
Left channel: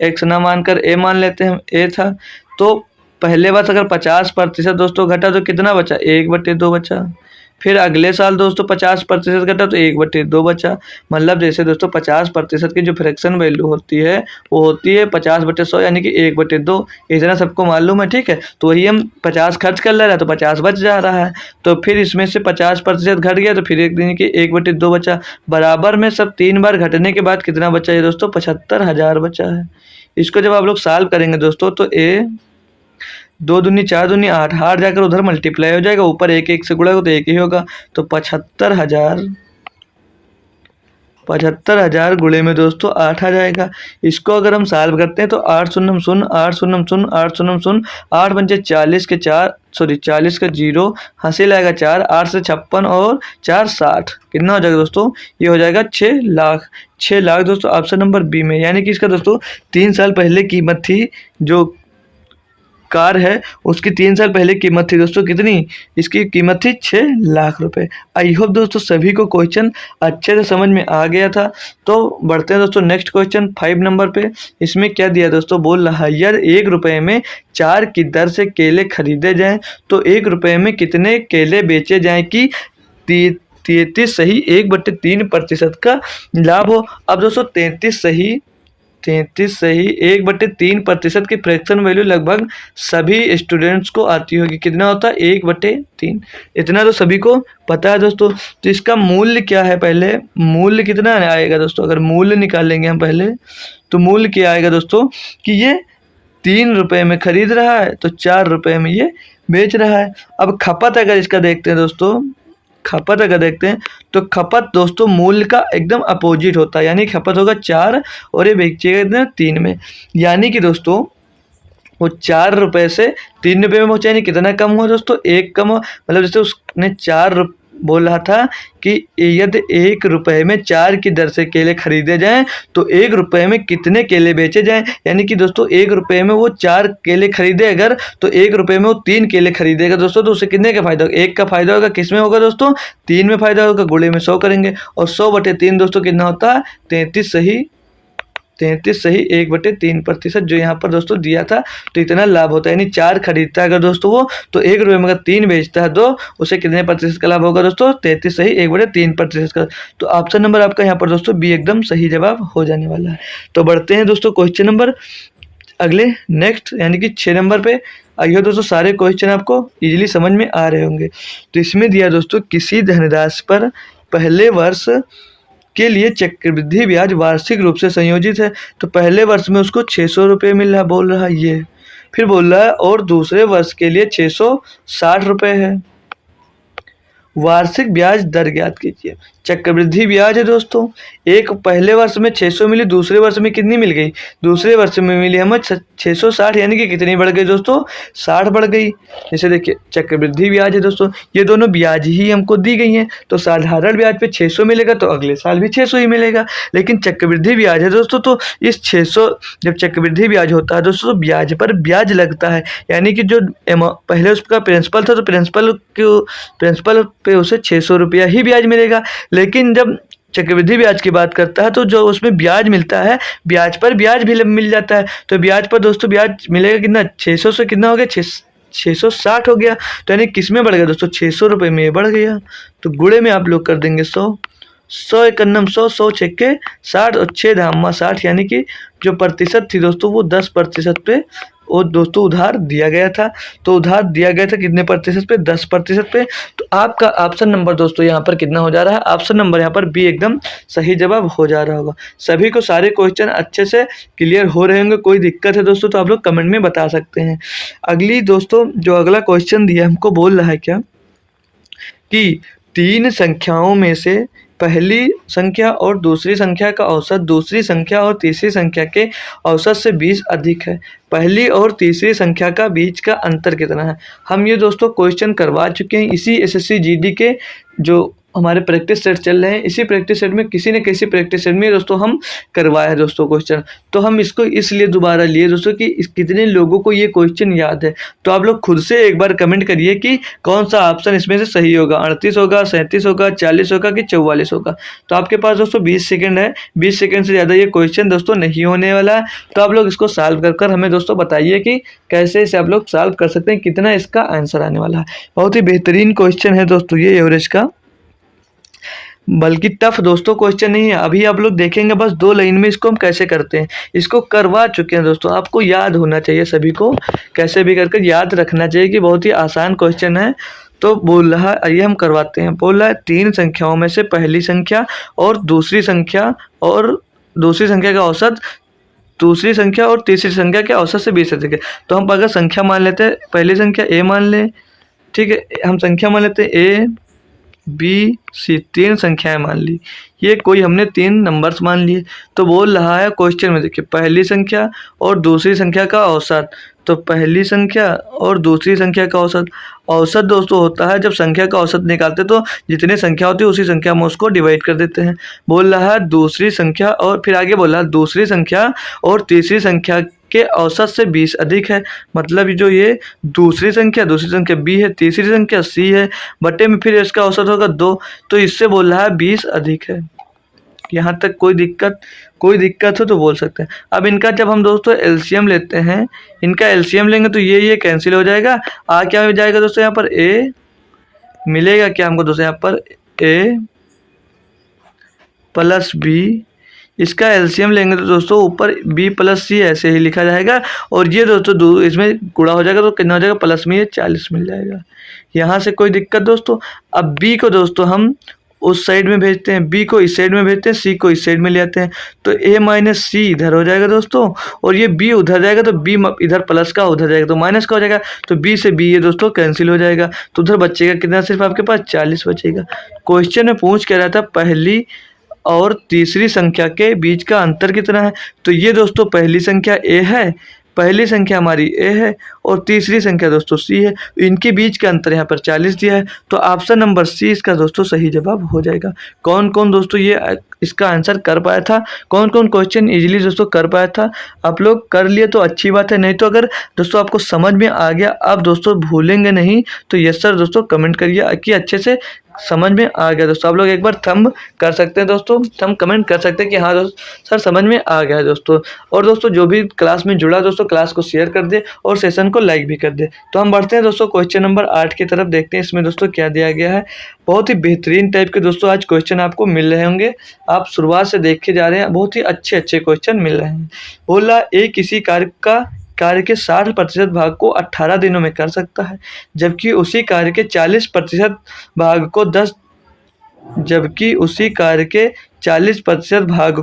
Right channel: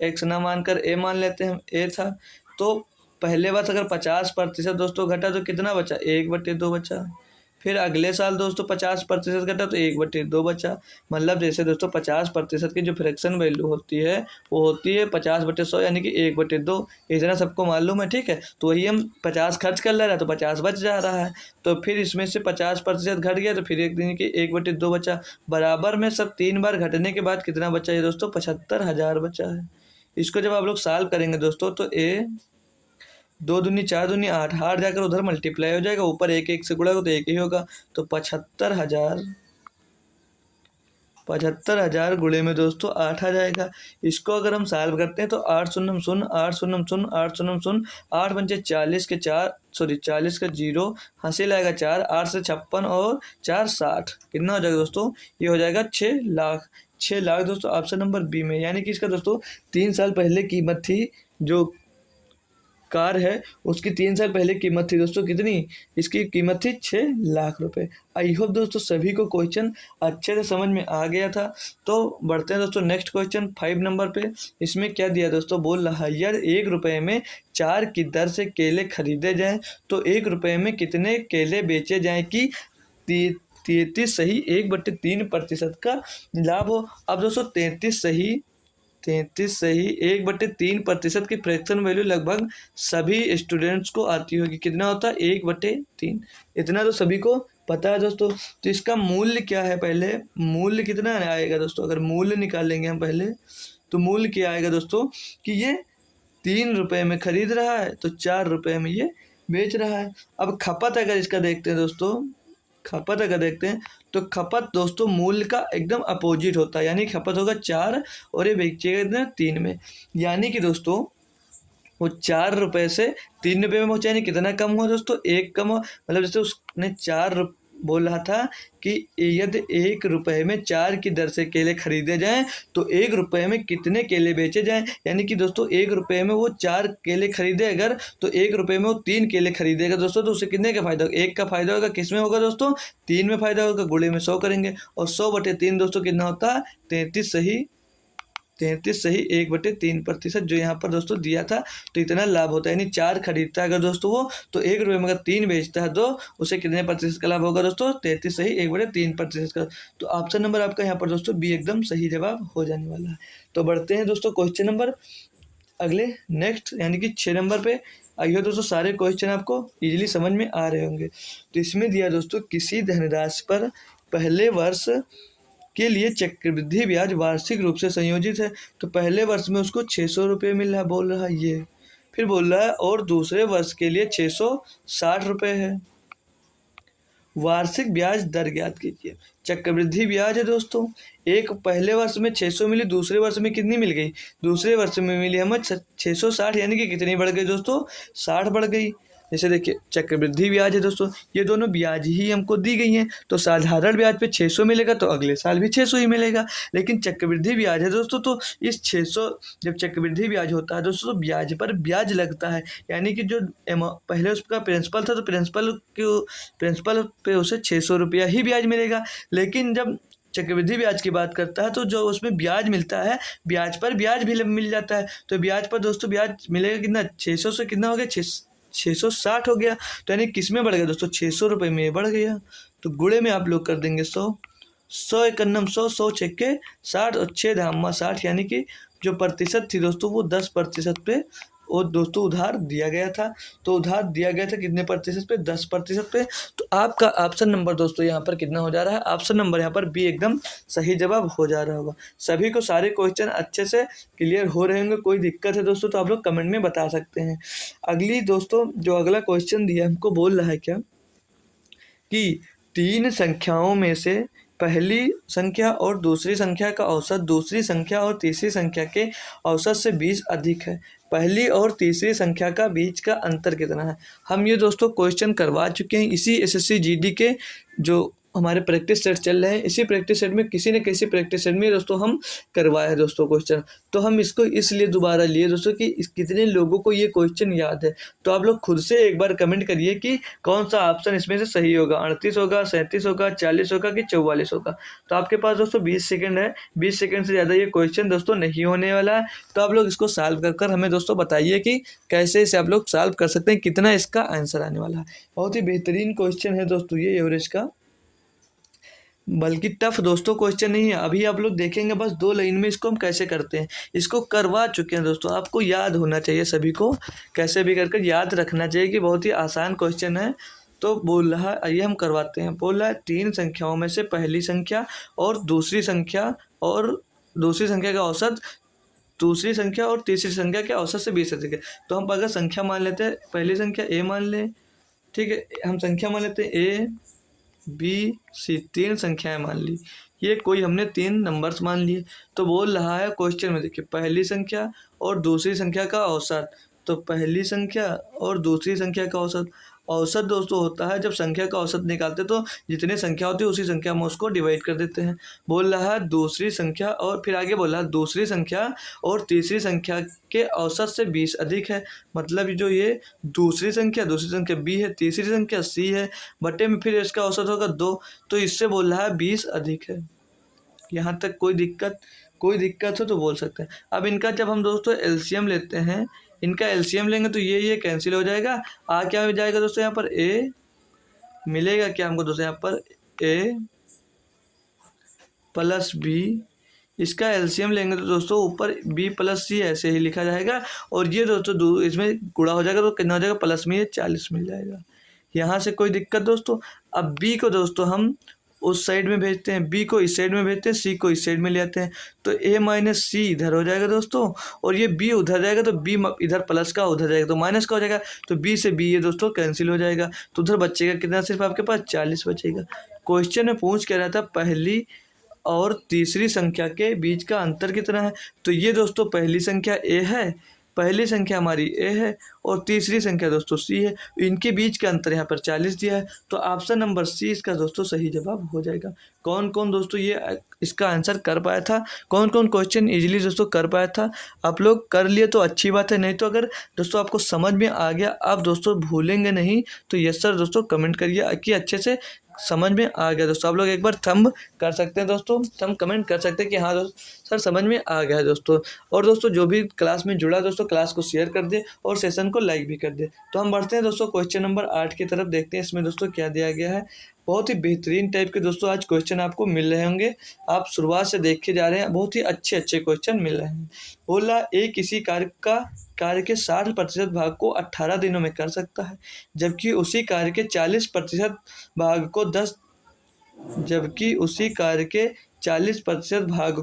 एक्स ना मानकर ए मान लेते हैं, ए था, तो पहले वर्ष अगर 50% दोस्तों घटा तो कितना बचा 1/2 बचा। फिर अगले साल दोस्तों 50% घटा तो 1/2 बचा। मतलब जैसे दोस्तों 50% की जो फ्रैक्शन वैल्यू होती है वो होती है 50/100 यानी कि 1/2, इतना सबको मालूम है। ठीक है, तो वही हम 50 खर्च कर ले रहे हैं तो 50 बच जा रहा है। तो फिर इसमें से 50% घट गया तो फिर एक दिन की 1/2 बचा। बराबर में सब 3 बार घटने के बाद कितना बचा है दोस्तों 75,000 बचा है। इसको जब आप लोग सॉल्व करेंगे दोस्तों तो 2 दूनी 4 दूनी 8, 8 जाकर उधर मल्टीप्लाई हो जाएगा, ऊपर 1 1 से गुणा हो तो 1 ही होगा। तो 75,000 75,000 गुणे में दोस्तों 8 आ जाएगा। इसको अगर हम सॉल्व करते हैं तो 8 शून्य शून्य 8 शून्य शून्य 8 शून्य शून्य 8 पंचे 40 के 4 सॉरी 40 का 0 हासिल आएगा 4 8 से 56 और 4 60 कितना हो जाएगा दोस्तों? ये हो जाएगा 6 लाख। 6 लाख दोस्तों ऑप्शन नंबर बी में, यानी कि इसका दोस्तों 3 साल पहले कीमत थी, जो कार है उसकी 3 साल पहले कीमत थी दोस्तों कितनी? इसकी कीमत थी 6 लाख रुपए। आई होप दोस्तों सभी को क्वेश्चन अच्छे से समझ में आ गया था। तो बढ़ते हैं दोस्तों नेक्स्ट क्वेश्चन 5 नंबर पे। इसमें क्या दिया दोस्तों? बोल रहा है यार 1 रुपये में 4 की दर से केले खरीदे जाएं तो 1 रुपये में कितने केले बेचे जाएं कि 33 सही 1/3% का लाभ हो। अब दोस्तों 33 सही 1/3% की फ्रैक्शन वैल्यू लगभग सभी स्टूडेंट्स को आती होगी। कितना होता है? 1/3। इतना तो सभी को पता है दोस्तों। तो इसका मूल्य क्या है? पहले मूल्य कितना आएगा दोस्तों? अगर मूल्य निकालेंगे हम पहले, तो मूल्य क्या आएगा दोस्तों कि ये 3 रुपये में खरीद रहा है तो 4 रुपये में ये बेच रहा है। अब खपत अगर इसका देखते हैं दोस्तों, खपत अगर देखते हैं तो खपत दोस्तों मूल्य का एकदम अपोजिट होता है, यानी खपत होगा 4 और ये बेचेगा कितना? 3 में। यानी कि दोस्तों वो 4 रुपये से 3 रुपये में पहुँचा, यानी कितना कम हुआ दोस्तों? 1 कम हुआ। मतलब जैसे उसने बोल रहा था कि यदि 1 रुपये में 4 की दर से केले खरीदे जाएं तो 1 रुपये में कितने केले बेचे जाएं। यानी कि दोस्तों 1 रुपये में वो 4 केले खरीदे अगर, तो 1 रुपये में वो 3 केले खरीदेगा दोस्तों। तो उसे कितने का फायदा होगा? 1 का फायदा होगा। किस में होगा दोस्तों? 3 में फायदा होगा। गुणे में 100 करेंगे और 100/3 दोस्तों कितना होता है? 33 सही 1/3% जो यहाँ पर दोस्तों दिया था। तो इतना लाभ होता है, यानी 4 खरीदता है अगर दोस्तों वो, तो 1 रुपये में अगर 3 बेचता है तो उसे कितने प्रतिशत का लाभ होगा दोस्तों? 33 सही 1/3% का। तो ऑप्शन नंबर आपका यहाँ पर दोस्तों बी एकदम सही जवाब हो जाने वाला है। तो बढ़ते हैं दोस्तों क्वेश्चन नंबर अगले नेक्स्ट, यानी कि 6 नंबर पे। आइए दोस्तों सारे क्वेश्चन आपको इजीली समझ में आ रहे होंगे। तो इसमें दिया दोस्तों किसी धनराशि पर पहले वर्ष के लिए चक्रवृद्धि ब्याज वार्षिक रूप से संयोजित है। तो पहले वर्ष में उसको 600 रुपये मिल रहा, बोल रहा है ये। फिर बोल रहा है और दूसरे वर्ष के लिए 660 रुपये है। वार्षिक ब्याज दर ज्ञात कीजिए। चक्रवृद्धि ब्याज है दोस्तों, एक पहले वर्ष में 600 मिली, दूसरे वर्ष में कितनी मिल गई? दूसरे वर्ष में मिली हमें 660, यानी कि कितनी बढ़ गई दोस्तों? 60 बढ़ गई। जैसे देखिए चक्रवृद्धि ब्याज है दोस्तों, ये दोनों ब्याज ही हमको दी गई हैं। तो साधारण ब्याज पे 600 मिलेगा तो अगले साल भी 600 ही मिलेगा। लेकिन चक्रवृद्धि ब्याज है दोस्तों, तो इस 600 जब चक्रवृद्धि ब्याज होता है दोस्तों तो ब्याज पर ब्याज लगता है, यानी कि जो पहले उसका प्रिंसिपल था तो प्रिंसिपल पे उसे 600 रुपया ही ब्याज मिलेगा। लेकिन जब चक्रवृद्धि ब्याज की बात करता है तो जो उसमें ब्याज मिलता है, ब्याज पर ब्याज भी मिल जाता है। तो ब्याज पर दोस्तों ब्याज मिलेगा कितना? 600 से कितना हो गया? 660 हो गया। तो यानी किस में बढ़ गया दोस्तों? 600 रुपये में बढ़ गया। तो गुणे में आप लोग कर देंगे 100 एकन्नम 100 छक्के 60 और 6 धामा 60, यानी कि जो प्रतिशत थी दोस्तों वो 10% पे वो दोस्तों उधार दिया गया था। तो उधार दिया गया था कितने प्रतिशत पे? 10% पे। तो आपका ऑप्शन नंबर दोस्तों यहाँ पर कितना हो जा रहा है? ऑप्शन नंबर यहाँ पर बी एकदम सही जवाब हो जा रहा होगा। सभी को सारे क्वेश्चन अच्छे से क्लियर हो रहे होंगे। कोई दिक्कत है दोस्तों तो आप लोग कमेंट में बता सकते हैं। अगली दोस्तों जो अगला क्वेश्चन दिया हमको बोल रहा है क्या कि 3 संख्याओं में से पहली संख्या और दूसरी संख्या का औसत दूसरी संख्या और तीसरी संख्या के औसत से 20 अधिक है। पहली और तीसरी संख्या का बीच का अंतर कितना है? हम ये दोस्तों क्वेश्चन करवा चुके हैं इसी एसएससी जीडी के जो हमारे प्रैक्टिस सेट चल रहे हैं। इसी प्रैक्टिस सेट में किसी न किसी प्रैक्टिस सेट में दोस्तों हम करवाए हैं दोस्तों क्वेश्चन। तो हम इसको इसलिए दोबारा लिए दोस्तों कि कितने लोगों को ये क्वेश्चन याद है। तो आप लोग खुद से एक बार कमेंट करिए कि कौन सा ऑप्शन इसमें से सही होगा, 38 होगा, 37 होगा, 40 होगा कि 44 होगा। तो आपके पास दोस्तों 20 सेकेंड है। 20 सेकेंड से ज़्यादा ये क्वेश्चन दोस्तों नहीं होने वाला है। तो आप लोग इसको सॉल्व कर हमें दोस्तों बताइए कि कैसे इसे आप लोग सॉल्व कर सकते हैं, कितना इसका आंसर आने वाला है। बहुत ही बेहतरीन क्वेश्चन है दोस्तों ये एवरेज का, बल्कि टफ दोस्तों क्वेश्चन नहीं है। अभी आप लोग देखेंगे बस 2 लाइन में इसको हम कैसे करते हैं। इसको करवा चुके हैं दोस्तों, आपको याद होना चाहिए सभी को, कैसे भी करके याद रखना चाहिए कि बहुत ही आसान क्वेश्चन है। तो बोल रहा है, आइए हम करवाते हैं। बोल रहा है 3 संख्याओं में से पहली संख्या और दूसरी संख्या का औसत दूसरी संख्या और तीसरी संख्या के औसत से 20 अधिक है। तो हम अगर संख्या मान लेते हैं, पहली संख्या ए मान लें, ठीक है, हम संख्या मान लेते हैं ए बी सी, 3 संख्याएं मान ली। ये कोई हमने 3 नंबर्स मान लिए। तो बोल रहा है क्वेश्चन में, देखिए पहली संख्या और दूसरी संख्या का औसत। तो पहली संख्या और दूसरी संख्या का औसत, औसत दोस्तों होता है जब संख्या का औसत निकालते तो जितनी संख्या होती है उसी संख्या में उसको डिवाइड कर देते हैं। बोल रहा है दूसरी संख्या, और फिर आगे बोला दूसरी संख्या और तीसरी संख्या के औसत से 20 अधिक है। मतलब जो ये दूसरी संख्या b है, तीसरी संख्या c है, बटे में फिर इसका औसत होगा 2, तो इससे बोल रहा है 20 अधिक है। यहाँ तक कोई दिक्कत हो तो बोल सकते हैं। अब इनका जब हम दोस्तों एलसीएम लेते हैं, इनका एलसीएम लेंगे तो ये कैंसिल हो जाएगा। क्या हो जाएगा दोस्तों, यहाँ पर ए मिलेगा क्या हमको दोस्तों, यहाँ पर ए प्लस बी, इसका एलसीएम लेंगे तो दोस्तों ऊपर b प्लस सी ऐसे ही लिखा जाएगा, और ये दोस्तों इसमें गुणा हो जाएगा तो कितना हो जाएगा, प्लस में ये 40 मिल जाएगा। यहाँ से कोई दिक्कत दोस्तों। अब b को दोस्तों हम उस साइड में भेजते हैं, b को इस साइड में भेजते हैं, c को इस साइड में ले आते हैं, तो a माइनस सी इधर हो जाएगा दोस्तों, और ये b उधर जाएगा तो b इधर प्लस का उधर जाएगा तो माइनस का हो जाएगा, तो b से b ये दोस्तों कैंसिल हो जाएगा, तो उधर बचेगा कितना, सिर्फ आपके पास 40 बचेगा। क्वेश्चन में पूछ कह रहा था पहली और तीसरी संख्या के बीच का अंतर कितना है। तो ये दोस्तों पहली संख्या a है, पहली संख्या हमारी a है, और तीसरी संख्या दोस्तों c है, इनके बीच का अंतर यहाँ पर 40 दिया है, तो ऑप्शन नंबर सी इसका दोस्तों सही जवाब हो जाएगा। कौन कौन दोस्तों ये इसका आंसर कर पाया था, कौन कौन क्वेश्चन इजीली दोस्तों कर पाया था, आप लोग कर लिए तो अच्छी बात है, नहीं तो अगर दोस्तों आपको समझ में आ गया, आप दोस्तों भूलेंगे नहीं, तो यस सर दोस्तों कमेंट करिए कि अच्छे से समझ में आ गया। दोस्तों आप लोग एक बार थंब कर सकते हैं दोस्तों, थंब कमेंट कर सकते हैं कि हाँ दोस्तों सर समझ में आ गया है दोस्तों। और दोस्तों जो भी क्लास में जुड़ा दोस्तों क्लास को शेयर कर दे और सेशन को लाइक भी कर दे। तो हम बढ़ते हैं दोस्तों क्वेश्चन नंबर 8 की तरफ, देखते हैं इसमें दोस्तों क्या दिया गया है। बहुत ही बेहतरीन टाइप के दोस्तों आज क्वेश्चन आपको मिल रहे होंगे, आप शुरुआत से देखे जा रहे हैं, बहुत ही अच्छे क्वेश्चन मिल रहे हैं। बोला ए किसी कार्य के 60% भाग को 18 दिनों में कर सकता है, जबकि उसी कार्य के 40% भाग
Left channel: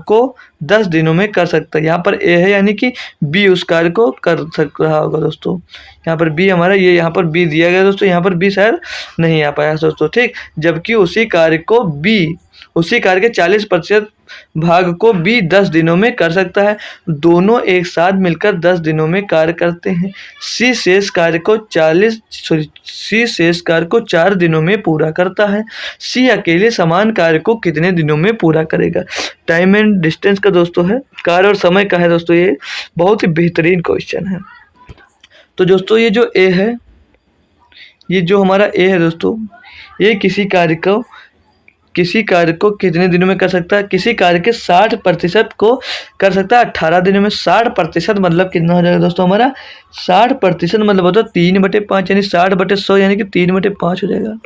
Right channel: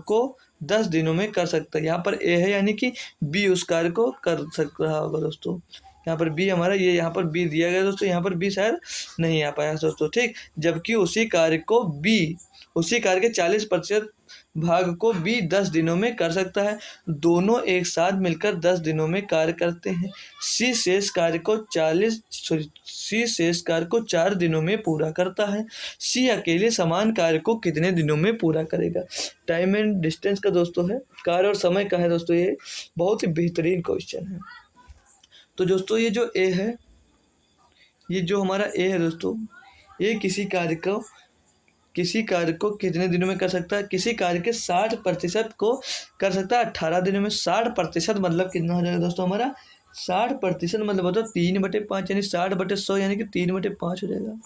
को 10 दिनों में कर सकता है। यहाँ पर ए है यानी कि बी उस कार्य को कर सक रहा होगा दोस्तों। यहाँ पर बी हमारा ये यहाँ पर बी दिया गया दोस्तों, यहाँ पर बी शायद नहीं आ पाया दोस्तों, ठीक। जबकि उसी कार्य के 40% भाग को बी 10 दिनों में कर सकता है। दोनों एक साथ मिलकर 10 दिनों में कार्य करते हैं। सी शेष कार्य को 4 दिनों में पूरा करता है। सी अकेले समान कार्य को कितने दिनों में पूरा करेगा। टाइम एंड डिस्टेंस का दोस्तों है, कार्य और समय का है दोस्तों, ये बहुत ही बेहतरीन क्वेश्चन है। तो दोस्तों ये जो ए है, ये जो हमारा ए है दोस्तों, ये किसी कार्य को कितने दिनों में कर सकता है, किसी कार्य के 60% को कर सकता है 18 दिनों में। 60% मतलब कितना हो जाएगा दोस्तों हमारा, 60% मतलब होता है 3/5 यानी 60/100 यानी कि 3/5 हो जाएगा।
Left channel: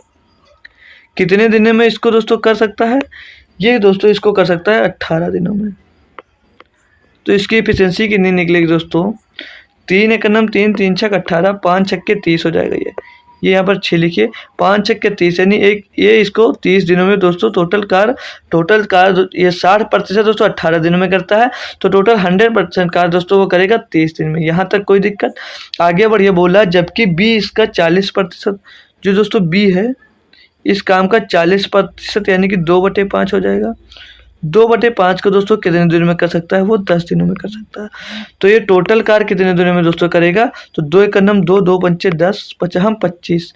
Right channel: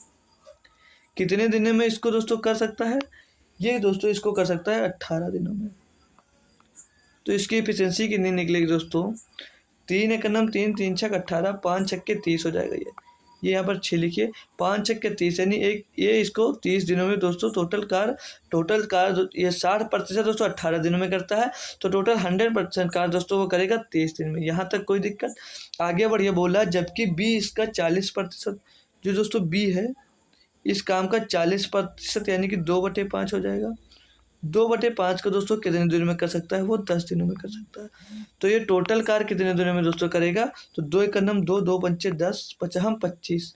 कितने दिनों में इसको दोस्तों कर सकता है, ये दोस्तों इसको कर सकता है 18 दिनों में। तो इसकी एफिशिएंसी कितनी निकलेगी दोस्तों, 3 × 9 3, 3 × 6 18, 5 × 6 30 हो जाएगा। ये यहाँ पर 6 लिखिए, 5 × 6 30 यानी ये इसको 30 दिनों में दोस्तों टोटल कार ये 60% दोस्तों 18 दिनों में करता है, तो टोटल 100% कार दोस्तों वो करेगा 30 दिन में। यहाँ तक कोई दिक्कत। आगे बढ़िए बोला, जबकि बी इसका 40%, जो दोस्तों बी है इस काम का 40% यानी कि 2/5 हो जाएगा। 2/5 को दोस्तों कितने दिनों में कर सकता है, वो 10 दिनों में कर सकता है। तो ये टोटल कार कितने दिनों में दोस्तों करेगा, तो 2 × 9 2, 2 × 5 10, 5 × 25,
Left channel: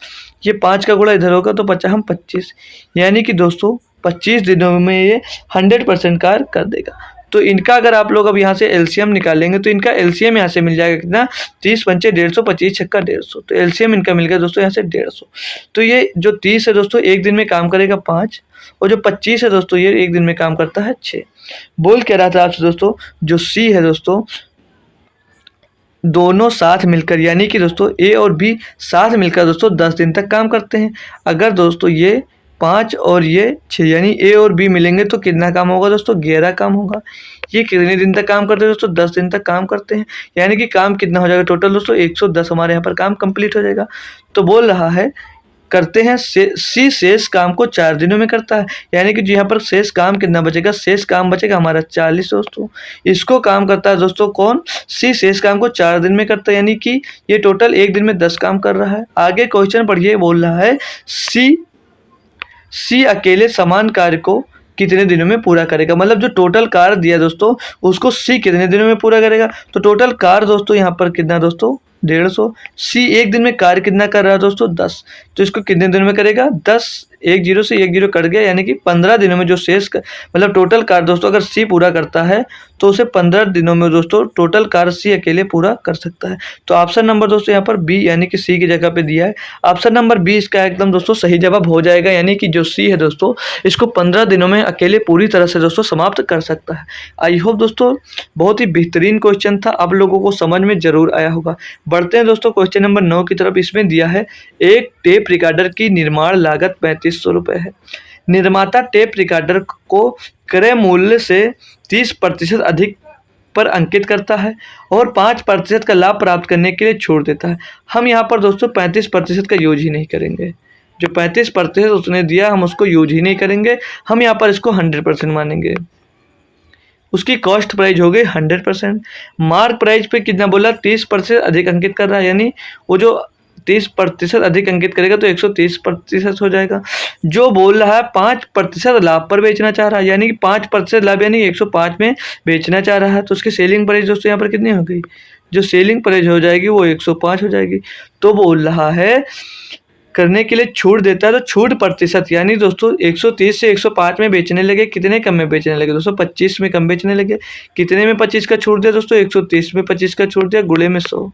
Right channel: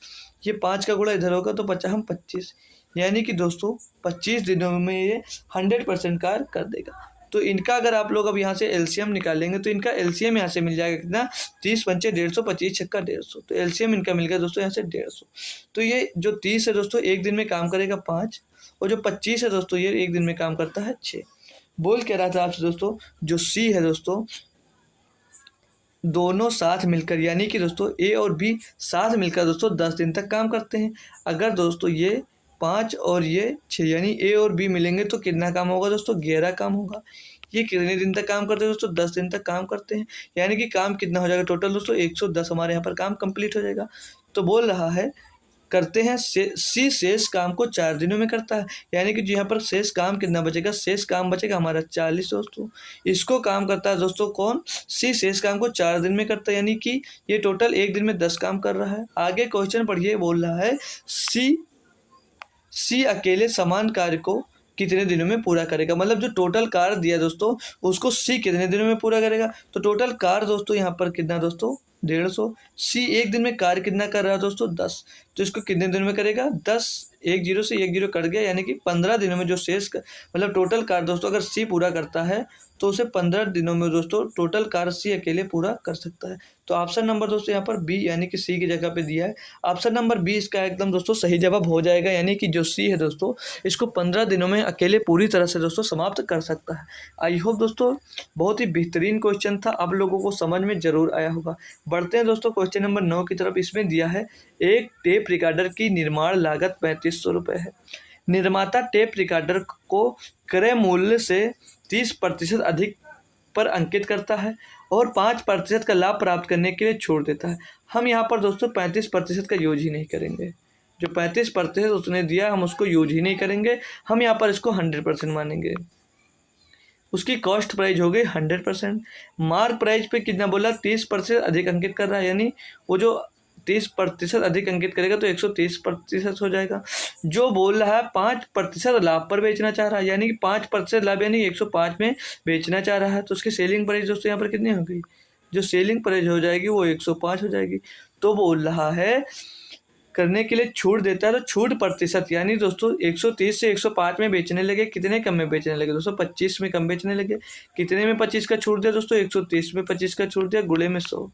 ये 5 का गुणा इधर होगा तो 5 × 25 यानी कि दोस्तों 25 दिनों में ये 100% कार कर देगा। तो इनका अगर आप लोग अब यहाँ से एलसीएम निकालेंगे तो इनका एलसीएम यहाँ से मिल जाएगा कितना, 30 × 5 150, 25 × 6 150, तो एलसीएम इनका मिल गया दोस्तों यहाँ से 150। तो ये जो 30 है दोस्तों एक दिन में काम करेगा 5, और जो 25 है दोस्तों ये एक दिन में काम करता है 6। बोल क्या रहा था आपसे दोस्तों, जो सी है दोस्तों दोनों साथ मिलकर यानी कि दोस्तों ए और बी साथ मिलकर दोस्तों 10 दिन तक काम करते हैं। अगर दोस्तों ये 5 और ये 6 यानी ए और बी मिलेंगे तो कितना काम होगा दोस्तों, 11 काम होगा। ये कितने दिन तक काम करते हैं दोस्तों, 10 दिन तक काम करते हैं, यानी कि काम कितना हो जाएगा टोटल दोस्तों 110 हमारे यहाँ पर काम कंप्लीट हो जाएगा। तो बोल रहा है करते हैं सी शेष काम को 4 दिनों में करता है, यानी कि जो यहाँ पर शेष काम कितना बचेगा, शेष काम बचेगा हमारा 40 दोस्तों। इसको काम करता है दोस्तों कौन, सी शेष काम को 4 दिन में करता है, यानी कि ये टोटल एक दिन में 10 काम कर रहा है। आगे क्वेश्चन पढ़िए, बोल रहा है सी अकेले समान कार्य को कितने दिनों में पूरा करेगा। मतलब जो टोटल कार्य दिया दोस्तों उसको सी कितने दिनों में पूरा करेगा। तो टोटल कार्य दोस्तों यहाँ पर कितना दोस्तों 150। सी एक दिन में कार्य कितना कर रहा है दोस्तों 10। तो इसको कितने दिनों में करेगा 10। एक जीरो से एक जीरो कट गया यानी कि 15 दिनों में जो मतलब टोटल कार्य दोस्तों अगर सी पूरा करता है तो उसे 15 दिनों में दोस्तों टोटल कार्य सी अकेले पूरा कर सकता है। तो ऑप्शन नंबर दोस्तों यहाँ पर बी यानी कि सी की जगह पे दिया है। ऑप्शन नंबर बी इसका एकदम दोस्तों सही जवाब हो जाएगा, यानी कि जो सी है दोस्तों इसको 15 दिनों में अकेले पूरी तरह से दोस्तों समाप्त कर सकता है। आई होप दोस्तों बहुत ही बेहतरीन क्वेश्चन था, आप लोगों को समझ में जरूर आया होगा। बढ़ते हैं दोस्तों क्वेश्चन नंबर 9 की तरफ। इसमें दिया है एक टेप रिकॉर्डर की निर्माण लागत 3500 रुपये है। निर्माता टेप रिकॉर्डर को क्रय मूल्य से 30% अधिक पर अंकित करता है और 5% का लाभ प्राप्त करने के लिए छोड़ देता है। हम यहाँ पर दोस्तों 35% का यूज ही नहीं करेंगे। जो 35% उसने दिया हम उसको यूज ही नहीं करेंगे, हम यहाँ पर इसको 100% मानेंगे। उसकी कॉस्ट प्राइस हो गई 100%। मार्क प्राइस पे कितना बोला 30% अधिक अंकित कर रहा है, यानी वो जो 30% अधिक अंकित करेगा तो 130% हो जाएगा। जो बोल रहा है 5% लाभ पर बेचना चाह रहा है, यानी कि 5% लाभ यानी 105 में बेचना चाह रहा है, तो उसकी सेलिंग प्राइस दोस्तों यहाँ पर कितनी हो गई, जो सेलिंग प्राइस हो जाएगी वो 105 हो जाएगी। तो बोल रहा है करने के लिए छूट देता है, तो छूट प्रतिशत यानी दोस्तों 130 से 105 में बेचने लगे, कितने कम में बेचने लगे दोस्तों 25 में कम बेचने लगे। कितने में 25 का छूट दिया दोस्तों 130 में 25 का छूट दिया, गुणे में 100।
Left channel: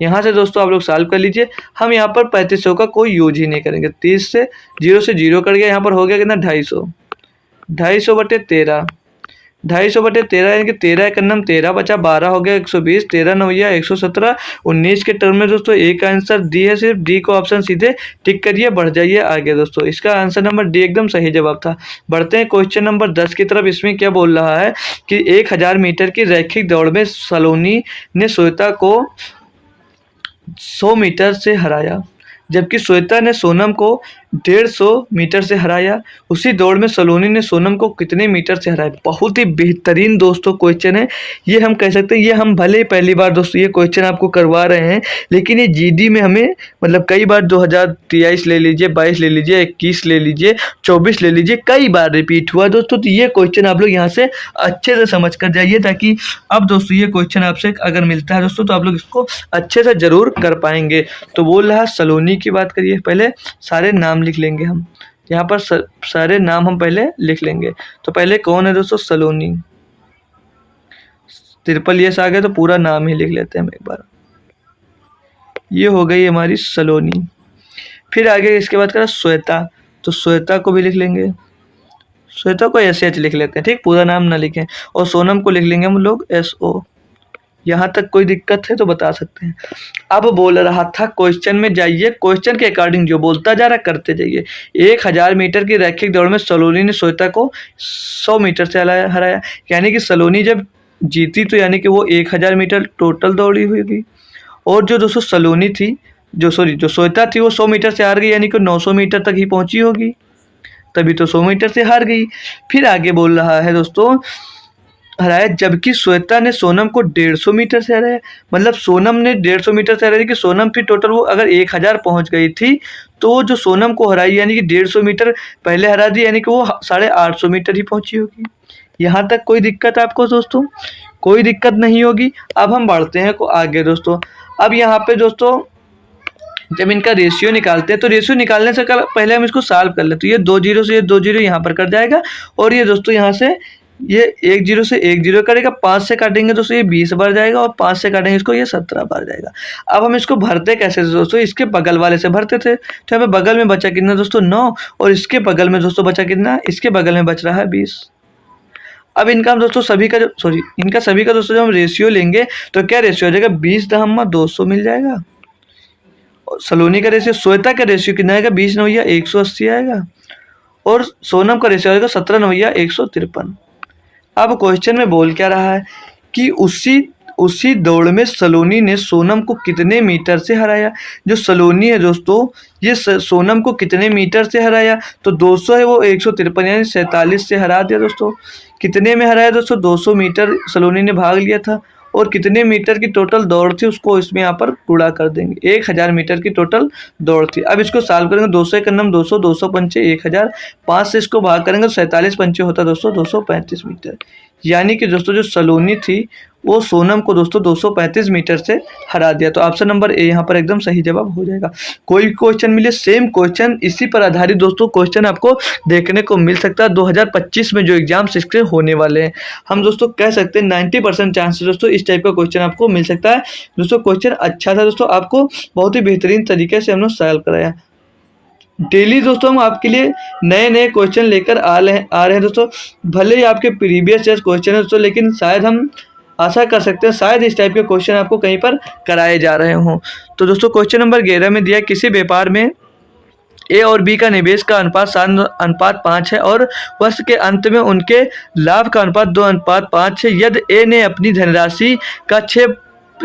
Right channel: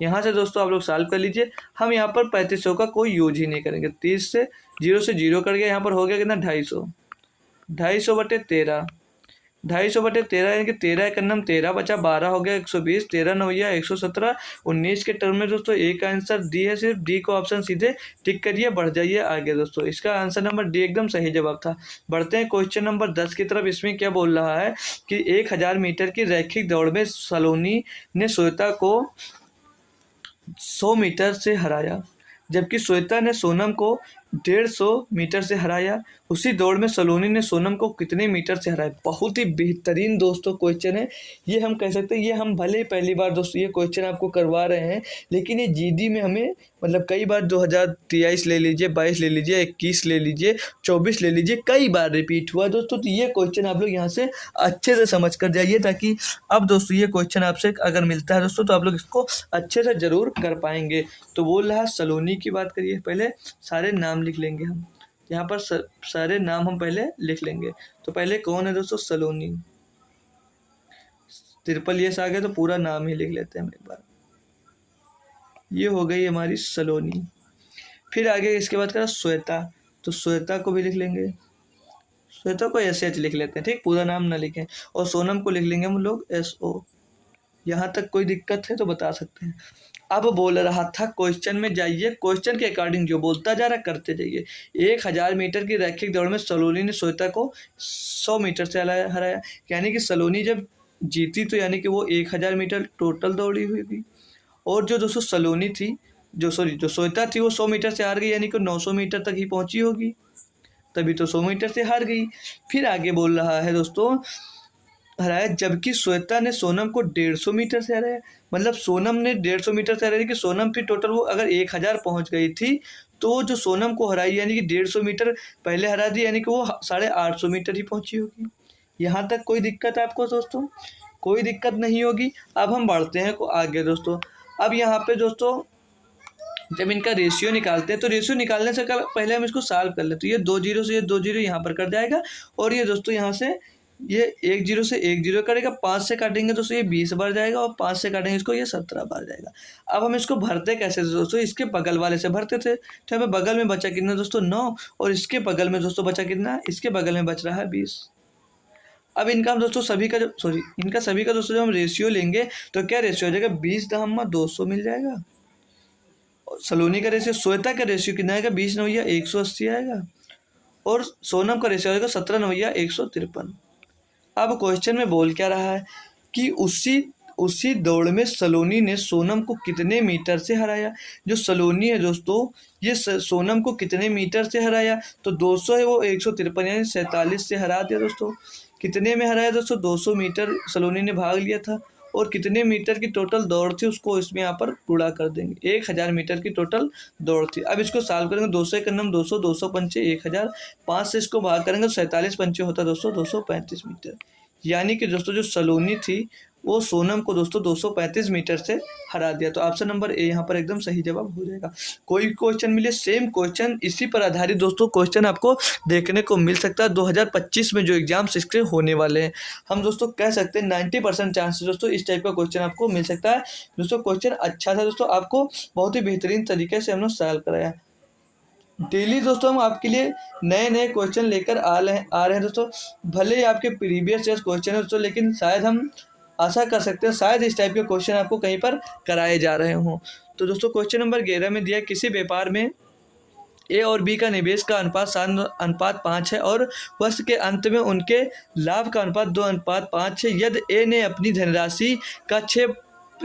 यहाँ से दोस्तों आप लोग सॉल्व कर लीजिए। हम यहाँ पर 3500 का कोई यूज ही नहीं करेंगे। 30 से 0 कट गया, यहाँ पर हो गया कितना 250। 250/13, 250/13 यानी कि 13 का नम 13 बचा 12 हो गया 120, 13 9 117। 19 के टर्म में दोस्तों एक आंसर डी है, सिर्फ डी को ऑप्शन सीधे टिक करिए, बढ़ जाइए आगे दोस्तों। इसका आंसर नंबर डी एकदम सही जवाब था। बढ़ते हैं क्वेश्चन नंबर 10 की तरफ। इसमें क्या बोल रहा है कि 1000 मीटर की रैखिक दौड़ में सलोनी ने श्वेता को 100 मीटर से हराया, जबकि श्वेता ने सोनम को 150 मीटर से हराया। उसी दौड़ में सलोनी ने सोनम को कितने मीटर से हराया। बहुत ही बेहतरीन दोस्तों क्वेश्चन है ये। हम कह सकते हैं ये हम भले ही पहली बार दोस्तों ये क्वेश्चन आपको करवा रहे हैं, लेकिन ये जीडी में हमें मतलब कई बार 2023 ले लीजिए, 22 ले लीजिए, 21 ले लीजिए, 24 ले लीजिए, कई बार रिपीट हुआ दोस्तों। तो ये क्वेश्चन आप लोग यहाँ से अच्छे से समझ कर जाइए, ताकि अब दोस्तों ये क्वेश्चन आपसे अगर मिलता है दोस्तों तो आप लोग इसको अच्छे से जरूर कर पाएंगे। तो बोल रहा सलोनी की बात करिए, पहले सारे नाम लिख लेंगे हम यहाँ पर, सारे नाम हम पहले लिख लेंगे। तो पहले कौन है दोस्तों सलोनी, ट्रिपल यस आ गया तो पूरा नाम ही लिख लेते हैं हम एक बार। ये हो गई हमारी सलोनी। फिर आगे इसके बाद करा श्वेता, तो श्वेता को भी लिख लेंगे, श्वेता को SH लिख लेते हैं, ठीक, पूरा नाम ना लिखें। और सोनम को लिख लेंगे हम लोग SO। यहाँ तक कोई दिक्कत है तो बता सकते हैं। अब बोल रहा था क्वेश्चन में जाइए, क्वेश्चन के अकॉर्डिंग जो बोलता जा रहा करते जाइए। 1000 मीटर की रैखिक दौड़ में सलोनी ने श्वेता को 100 मीटर से हराया, यानी कि सलोनी जब जीती तो यानी कि वो 1000 मीटर टोटल दौड़ी हुई, और जो दोस्तों सलोनी थी जो श्वेता थी वो 100 मीटर से हार गई, यानी कि 900 मीटर तक ही पहुंची होगी, तभी तो 100 मीटर से हार गई। फिर आगे बोल रहा है दोस्तों हराया, जबकि श्वेता ने सोनम को 150 मीटर से हराया। मतलब सोनम ने 150 मीटर से हराया कि सोनम फिर टोटल वो अगर 1000 पहुंच गई थी तो जो सोनम को हराई यानी कि 150 मीटर पहले हरा दी, यानी कि वो 850 मीटर ही पहुंची होगी। यहाँ तक कोई दिक्कत आपको दोस्तों? कोई दिक्कत नहीं होगी। अब हम बढ़ते हैं आगे दोस्तों। अब यहाँ पे दोस्तों जब इनका रेशियो निकालते हैं तो रेशियो निकालने से पहले हम इसको सॉल्व कर लेते हैं। ये 2 जीरो से ये 2 जीरो यहाँ पर कट जाएगा, और ये दोस्तों यहाँ से ये 1 जीरो से 1 जीरो करेगा, 5 से काटेंगे दोस्तों ये 20 बार जाएगा, और 5 से काटेंगे इसको ये 17 बार जाएगा। अब हम इसको भरते कैसे दोस्तों, इसके बगल वाले से भरते थे। तो हमें बगल में बचा कितना दोस्तों 9, और इसके बगल में दोस्तों बचा कितना, इसके बगल में बच रहा है 20। अब इनका हम दोस्तों सभी का दोस्तों जब हम रेशियो लेंगे तो क्या रेशियो हो जाएगा 20/200 मिल जाएगा। और सलोनी का रेशियो, श्वेता का रेशियो कितना आएगा 20 9 180 आएगा, और सोनम का रेशियो आएगा 17 9 153। अब क्वेश्चन में बोल क्या रहा है कि उसी दौड़ में सलोनी ने सोनम को कितने मीटर से हराया। जो सलोनी है दोस्तों ये सोनम को कितने मीटर से हराया, तो 200 है वो 153 यानी 47 से हरा दिया दोस्तों। कितने में हराया दोस्तों 200 मीटर सलोनी ने भाग लिया था, और कितने मीटर की टोटल दौड़ थी उसको इसमें यहाँ पर गुणा कर देंगे। 1000 मीटर की टोटल दौड़ थी। अब इसको सॉल्व करेंगे, 200 के नम 200, 200 पंचे 1000, 5 से इसको भाग करेंगे तो 47 पंचे होता है दोस्तों 235 मीटर। यानी कि दोस्तों जो सलोनी थी वो सोनम को दोस्तों 235 मीटर से हरा दिया। तो ऑप्शन नंबर ए यहाँ पर एकदम सही जवाब हो जाएगा। कोई क्वेश्चन मिले सेम क्वेश्चन इसी पर आधारित दोस्तों क्वेश्चन आपको देखने को मिल सकता है 2025 में जो एग्जाम्स इसके होने वाले हैं। हम दोस्तों कह सकते हैं 90% चांसेस दोस्तों इस टाइप का क्वेश्चन आपको मिल सकता है। दोस्तों क्वेश्चन अच्छा था दोस्तों, आपको बहुत ही बेहतरीन तरीके से हम लोग सॉल्व कराया। डेली दोस्तों हम आपके लिए नए नए क्वेश्चन लेकर आ रहे हैं दोस्तों। भले ही आपके प्रीवियस ईयर क्वेश्चन है दोस्तों, लेकिन शायद हम आशा कर सकते हैं शायद इस टाइप के क्वेश्चन आपको कहीं पर कराए जा रहे हों। तो दोस्तों क्वेश्चन नंबर 11 में दिया किसी व्यापार में ए और बी का निवेश का अनुपात 7:5 है और वर्ष के अंत में उनके लाभ का अनुपात 2:5 है। यदि ए ने अपनी धनराशि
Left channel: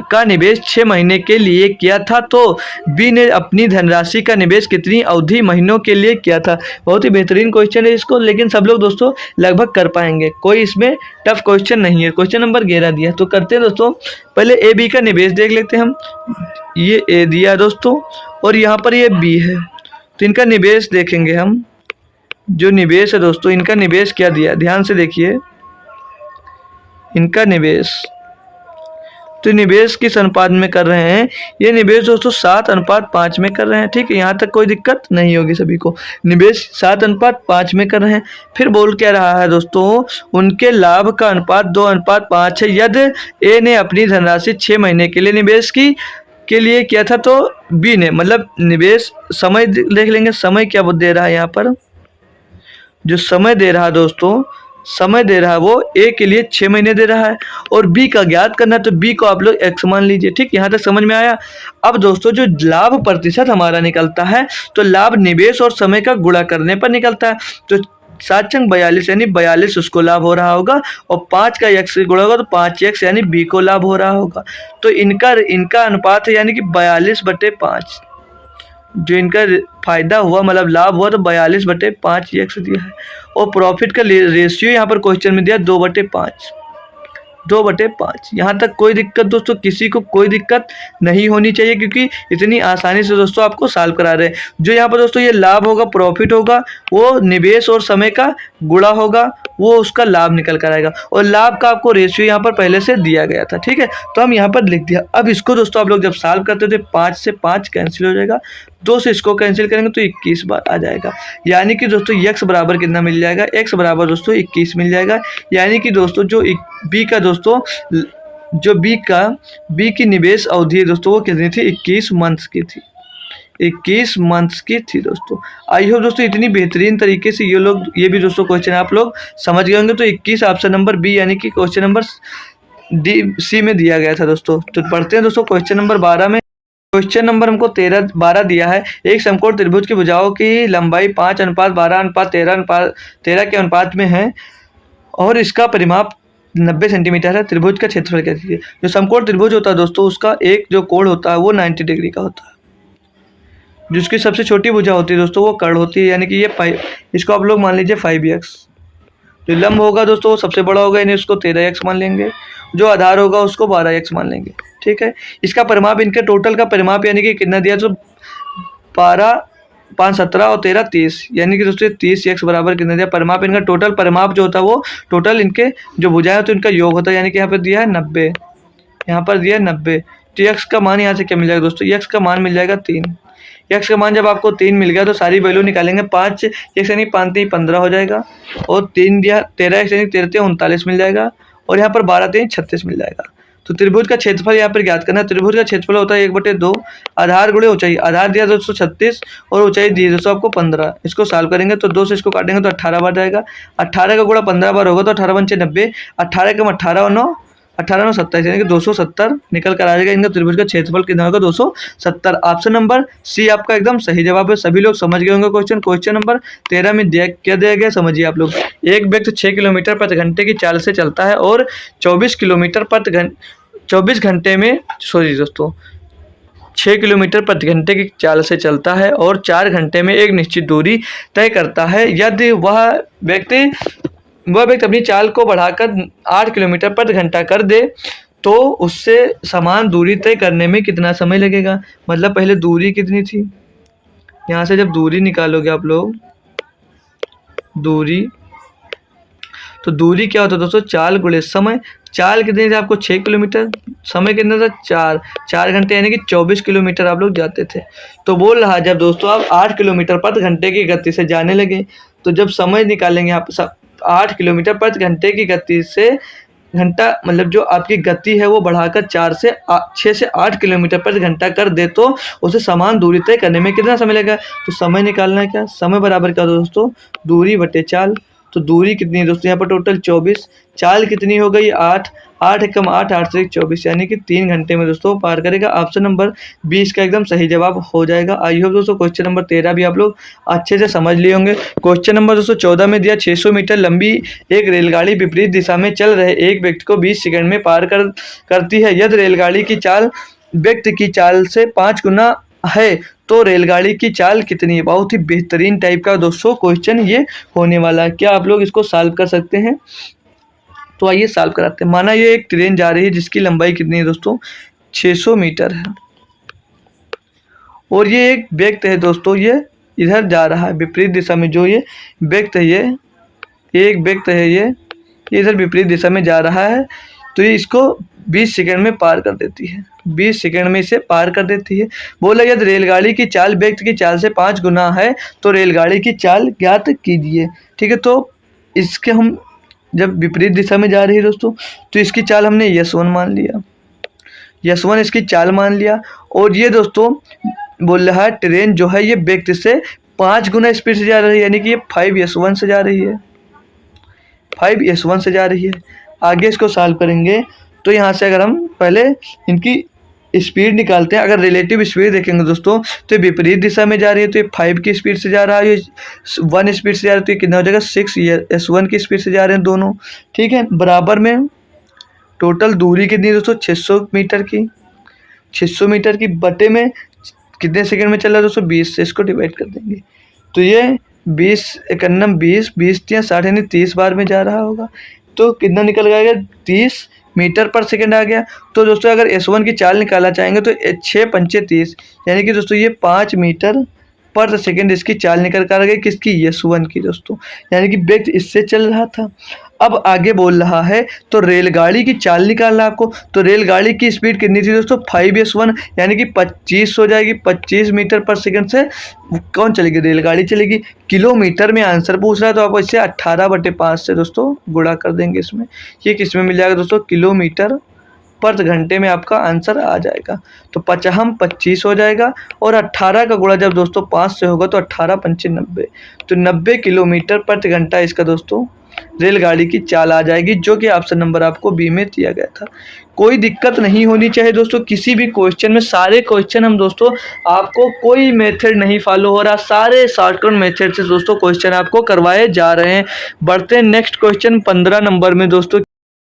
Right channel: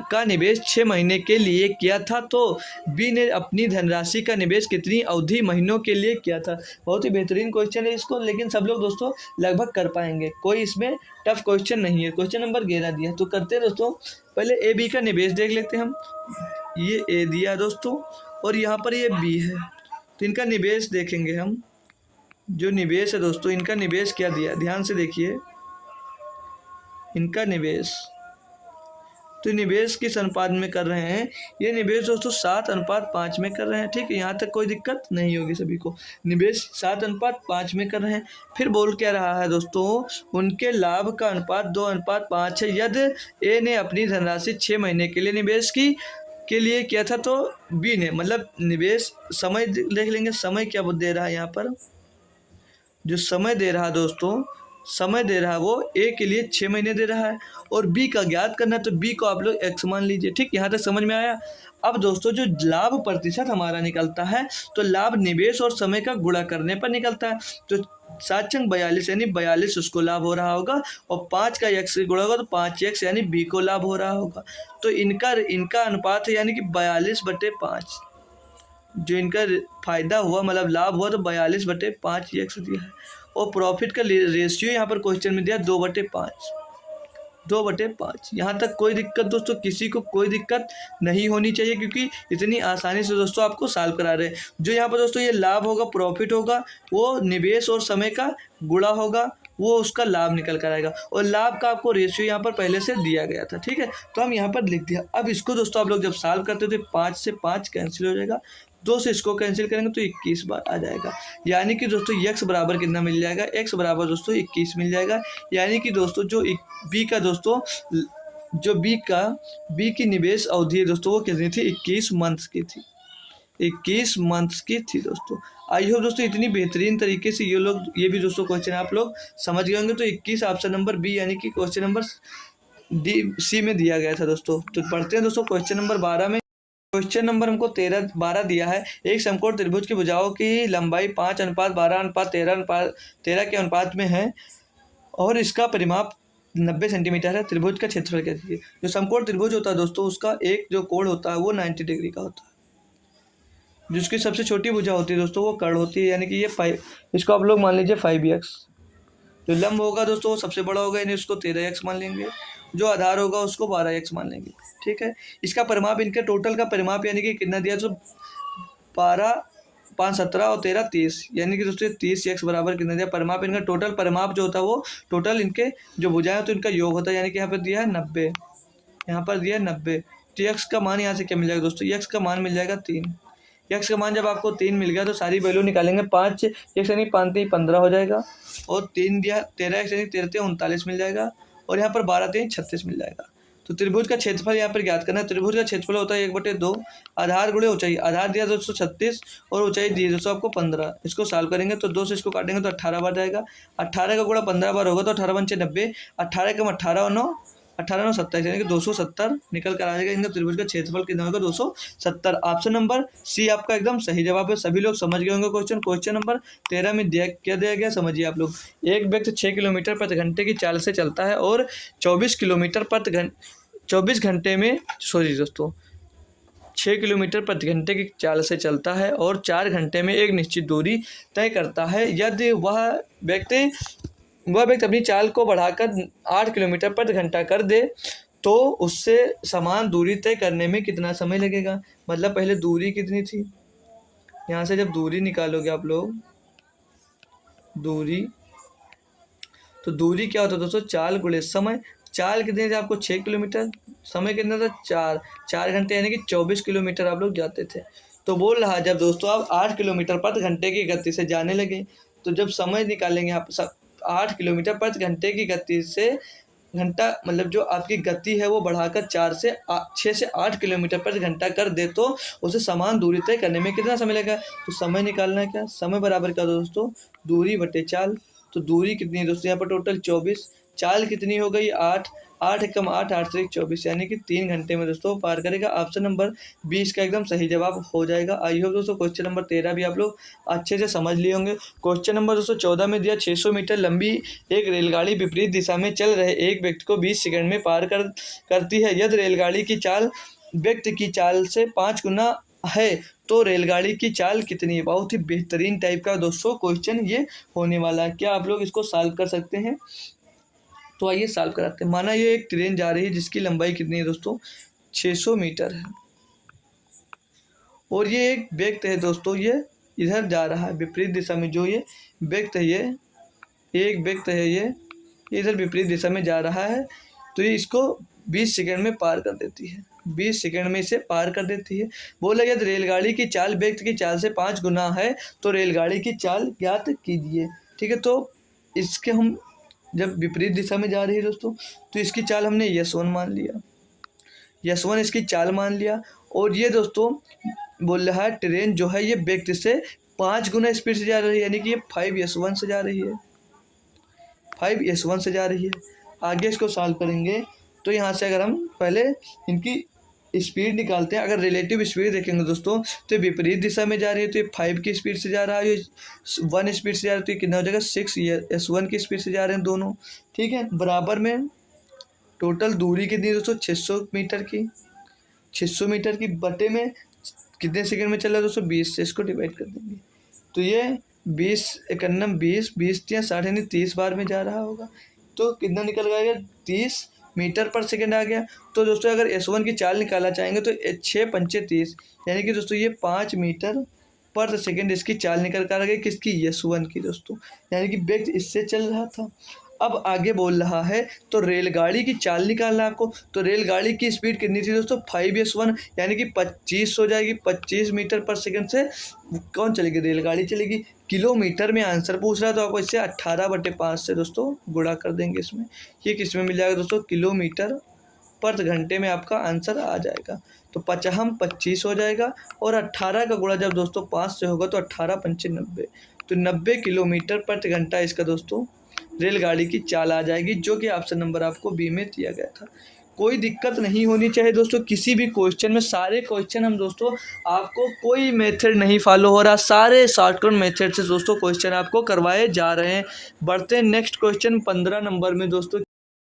का निवेश 6 महीने के लिए किया था तो बी ने अपनी धनराशि का निवेश कितनी अवधि महीनों के लिए किया था। बहुत ही बेहतरीन क्वेश्चन है इसको, लेकिन सब लोग दोस्तों लगभग कर पाएंगे, कोई इसमें टफ क्वेश्चन नहीं है। क्वेश्चन नंबर 11 दिया तो करते हैं दोस्तों, पहले ए बी का निवेश देख लेते हैं हम। ये ए दिया दोस्तों और यहाँ पर ये बी है, तो इनका निवेश देखेंगे हम। जो निवेश है दोस्तों, इनका निवेश क्या दिया, ध्यान से देखिए इनका निवेश। तो निवेश किस अनुपात में कर रहे हैं, ये निवेश दोस्तों 7:5 में कर रहे हैं। ठीक है, यहाँ तक कोई दिक्कत नहीं होगी सभी को। निवेश 7:5 में कर रहे हैं। फिर बोल क्या रहा है दोस्तों, उनके लाभ का अनुपात 2:5 है। यदि ए ने अपनी धनराशि 6 महीने के लिए निवेश के लिए किया था तो बी ने, मतलब निवेश समय देख लेंगे, समय क्या दे रहा है यहाँ पर, जो समय दे रहा है दोस्तों, समय दे रहा है वो ए के लिए 6 महीने दे रहा है और बी का ज्ञात करना है, तो बी को आप लोग x मान लीजिए। ठीक, यहाँ तक समझ में आया। अब दोस्तों जो लाभ प्रतिशत हमारा निकलता है, तो लाभ निवेश और समय का गुणा करने पर निकलता है। तो 7×42 यानी 42 उसको लाभ हो रहा होगा और 5 का x से गुणा होगा तो 5x यानी बी को लाभ हो रहा होगा। तो इनका अनुपात है यानी कि 42/5। जो इनका फायदा हुआ मतलब लाभ हुआ तो 42/5 x दिया है। और प्रॉफिट का रेशियो यहाँ पर क्वेश्चन में दिया 2/5। 2/5 यहाँ तक कोई दिक्कत दोस्तों, किसी को कोई दिक्कत नहीं होनी चाहिए, क्योंकि इतनी आसानी से दोस्तों आपको सॉल्व करा रहे हैं। जो यहाँ पर दोस्तों ये लाभ होगा, प्रॉफिट होगा, वो निवेश और समय का गुणा होगा, वो उसका लाभ निकल कर आएगा। और लाभ का आपको रेशियो यहाँ पर पहले से दिया गया था। ठीक है, तो हम यहाँ पर लिख दिया। अब इसको दोस्तों आप लोग जब सॉल्व करते थे 5 से 5 कैंसिल हो जाएगा, 2 से इसको कैंसिल करेंगे तो 21 बार आ जाएगा। यानी कि दोस्तों x बराबर कितना मिल जाएगा, x बराबर दोस्तों 21 मिल जाएगा। यानी कि दोस्तों जो बी का दोस्तों जो बी की निवेश अवधि है दोस्तों वो कितनी थी, 21 मंथ्स की थी। 21 मंथ्स की थी दोस्तों। आई होप दोस्तों इतनी बेहतरीन तरीके से ये भी दोस्तों क्वेश्चन आप लोग समझ गए होंगे। तो 21 ऑप्शन नंबर बी यानी कि क्वेश्चन नंबर सी में दिया गया था दोस्तों। तो पढ़ते हैं दोस्तों क्वेश्चन नंबर 12 में। क्वेश्चन नंबर हमको 12 दिया है। एक समकोण त्रिभुज की भुजाओं की लंबाई 5:12:13 के अनुपात में है और इसका परिमाप 90 सेंटीमीटर है। त्रिभुज का क्षेत्रफल क्या दीजिए। जो समकोण त्रिभुज होता है दोस्तों उसका एक जो कोण होता है वो 90 डिग्री का होता है। जिसकी सबसे छोटी भुजा होती है दोस्तों वो कर्ण होती है, यानी कि ये 5, इसको आप लोग मान लीजिए 5x। जो लंब होगा दोस्तों वो सबसे बड़ा होगा, यानी उसको 13x मान लेंगे। जो आधार होगा उसको 12x मान लेंगे। ठीक है, इसका परिमाप, इनके टोटल का परिमाप यानी कि कितना दिया, तो 12, 5, 17 और 13, 30, यानी कि दोस्तों 30x बराबर कितना दिया परिमाप। इनका टोटल परिमाप जो होता है वो टोटल इनके जो भुजाएं होती है उनका योग होता है, यानी कि यहाँ पर दिया है 90, यहाँ पर दिया है 90। तो x का मान यहाँ से क्या मिल जाएगा दोस्तों, x का मान मिल जाएगा 3। x का मान जब आपको 3 मिल गया तो सारी वैल्यू निकालेंगे। 5x यानी 5 15 हो जाएगा और 3 दिया 13x यानी 13 39 मिल जाएगा और यहाँ पर 12 3 36 मिल जाएगा। तो त्रिभुज का क्षेत्रफल यहाँ पर ज्ञात करना है। त्रिभुज का क्षेत्रफल होता है 1/2 आधार गुणे ऊंचाई। आधार दिया 236 और ऊंचाई दी दोस्तों आपको 15। इसको सॉल्व करेंगे तो 2 से इसको काटेंगे तो 18 बार जाएगा। 18 का गुणा 15 बार होगा तो 18 पंचे 90। 18 कम 18 और 9 18 9 27 यानी कि 270 निकल कर आ जाएगा। इनका त्रिभुज का क्षेत्रफल कितना होगा 270। ऑप्शन नंबर सी आपका एकदम सही जवाब है। सभी लोग समझ गए होंगे क्वेश्चन नंबर 13 में क्या दिया गया समझिए आप लोग। एक व्यक्ति 6 किलोमीटर प्रति घंटे की चाल से चलता है और 24 किलोमीटर प्रति 24 घंटे में 6 किलोमीटर प्रति घंटे की चाल से चलता है और 4 घंटे में एक निश्चित दूरी तय करता है। यदि वह व्यक्ति अपनी चाल को बढ़ाकर 8 किलोमीटर प्रति घंटा कर दे तो उससे समान दूरी तय करने में कितना समय लगेगा। मतलब पहले दूरी कितनी थी, यहाँ से जब दूरी निकालोगे आप लोग, दूरी, तो दूरी क्या होता है दोस्तों, चाल गुणे समय। चाल कितनी थी आपको, 6 किलोमीटर। समय कितना था, 4 घंटे, यानी कि 24 किलोमीटर आप लोग जाते थे। तो बोल रहा जब दोस्तों आप 8 किलोमीटर प्रति घंटे की गति से जाने लगे, तो जब समय निकालेंगे आप 8 किलोमीटर प्रति घंटे की गति से, घंटा मतलब जो आपकी गति है वो बढ़ाकर 6 से 8 किलोमीटर प्रति घंटा कर दे, तो उसे समान दूरी तय करने में कितना समय लगेगा। तो समय निकालना है क्या, समय बराबर क्या होता है दोस्तों, दूरी बटे चाल। तो दूरी कितनी है दोस्तों यहाँ पर टोटल 24, चाल कितनी हो गई 8, 8 एकम 8, 8 से 24, यानी कि 3 घंटे में दोस्तों पार करेगा। ऑप्शन नंबर 20 का एकदम सही जवाब हो जाएगा। आई होप दोस्तों क्वेश्चन नंबर 13 भी आप लोग अच्छे से समझ लिए होंगे। क्वेश्चन नंबर दोस्तों 14 में दिया 600 मीटर लंबी एक रेलगाड़ी विपरीत दिशा में चल रहे एक व्यक्ति को 20 सेकंड में पार करती है। यदि रेलगाड़ी की चाल व्यक्ति की चाल से 5 गुना है तो रेलगाड़ी की चाल कितनी है। बहुत ही बेहतरीन टाइप का दोस्तों क्वेश्चन ये होने वाला है। क्या आप लोग इसको सॉल्व कर सकते हैं, तो आइए सॉल्व कराते हैं। माना ये एक ट्रेन जा रही है जिसकी लंबाई कितनी है दोस्तों, 600 मीटर है, और ये एक व्यक्ति है दोस्तों, ये इधर जा रहा है विपरीत दिशा में। जो ये व्यक्ति है, ये एक व्यक्ति है, ये इधर विपरीत दिशा में जा रहा है, तो ये इसको 20 सेकंड में पार कर देती है, 20 सेकंड में इसे पार कर देती है। बोला यदि रेलगाड़ी की चाल व्यक्ति की चाल से 5 गुना है तो रेलगाड़ी की चाल ज्ञात कीजिए। ठीक है, तो इसके हम जब विपरीत दिशा में जा रही है दोस्तों, तो इसकी चाल हमने S1 मान लिया, S1 इसकी चाल मान लिया। और ये दोस्तों बोल रहा है ट्रेन जो है ये व्यक्ति से 5 गुना स्पीड से जा रही है, यानी कि ये 5S1 से जा रही है, 5S1 से जा रही है। आगे इसको सॉल्व करेंगे तो यहाँ से अगर हम पहले इनकी स्पीड निकालते हैं, अगर रिलेटिव स्पीड देखेंगे दोस्तों तो ये विपरीत दिशा में जा रही है, तो ये 5 की स्पीड से जा रहा है, ये 1 स्पीड से जा रहा है, तो ये कितना हो जाएगा 6S1 की स्पीड से जा रहे हैं दोनों। ठीक है, बराबर में टोटल दूरी कितनी है दोस्तों, 600 मीटर की, 600 मीटर की बटे में कितने सेकंड में चल रहा है दोस्तों, 20 से इसको डिवाइड कर देंगे, तो ये 20 एकन्नम 20, 20 या 60 यानी 30 बार में जा रहा होगा, तो कितना निकल जाएगा 30 मीटर पर सेकंड आ गया। तो दोस्तों अगर S1 की चाल निकालना चाहेंगे तो 6 पंचे 30, यानी कि दोस्तों ये 5 मीटर पर सेकंड इसकी चाल निकल कर आ गई, किसकी, S1 की दोस्तों, यानी कि व्यक्ति इससे चल रहा था। अब आगे बोल रहा है तो रेलगाड़ी की चाल निकालना आपको, तो रेलगाड़ी की स्पीड कितनी थी दोस्तों 5S1, यानी कि 25 हो जाएगी, 25 मीटर पर सेकंड से कौन चलेगी, रेलगाड़ी चलेगी। किलोमीटर में आंसर पूछ रहा है तो आप इससे 18/5 से दोस्तों गुणा कर देंगे इसमें, ये किस में मिल जाएगा दोस्तों, किलोमीटर पर घंटे में आपका आंसर आ जाएगा। तो 25 हो जाएगा, और 18 का गुणा जब दोस्तों 5 से होगा तो 18 पंचे 90, तो 90 किलोमीटर प्रति घंटा इसका दोस्तों रेलगाड़ी की चाल आ जाएगी, जो कि ऑप्शन नंबर आपको बी में दिया गया था। कोई दिक्कत नहीं होनी चाहिए दोस्तों किसी भी क्वेश्चन में, सारे क्वेश्चन हम दोस्तों आपको कोई मेथड नहीं फॉलो हो रहा, सारे शॉर्टकट मेथड से दोस्तों क्वेश्चन आपको करवाए जा रहे हैं। बढ़ते हैं नेक्स्ट क्वेश्चन 15 नंबर में दोस्तों।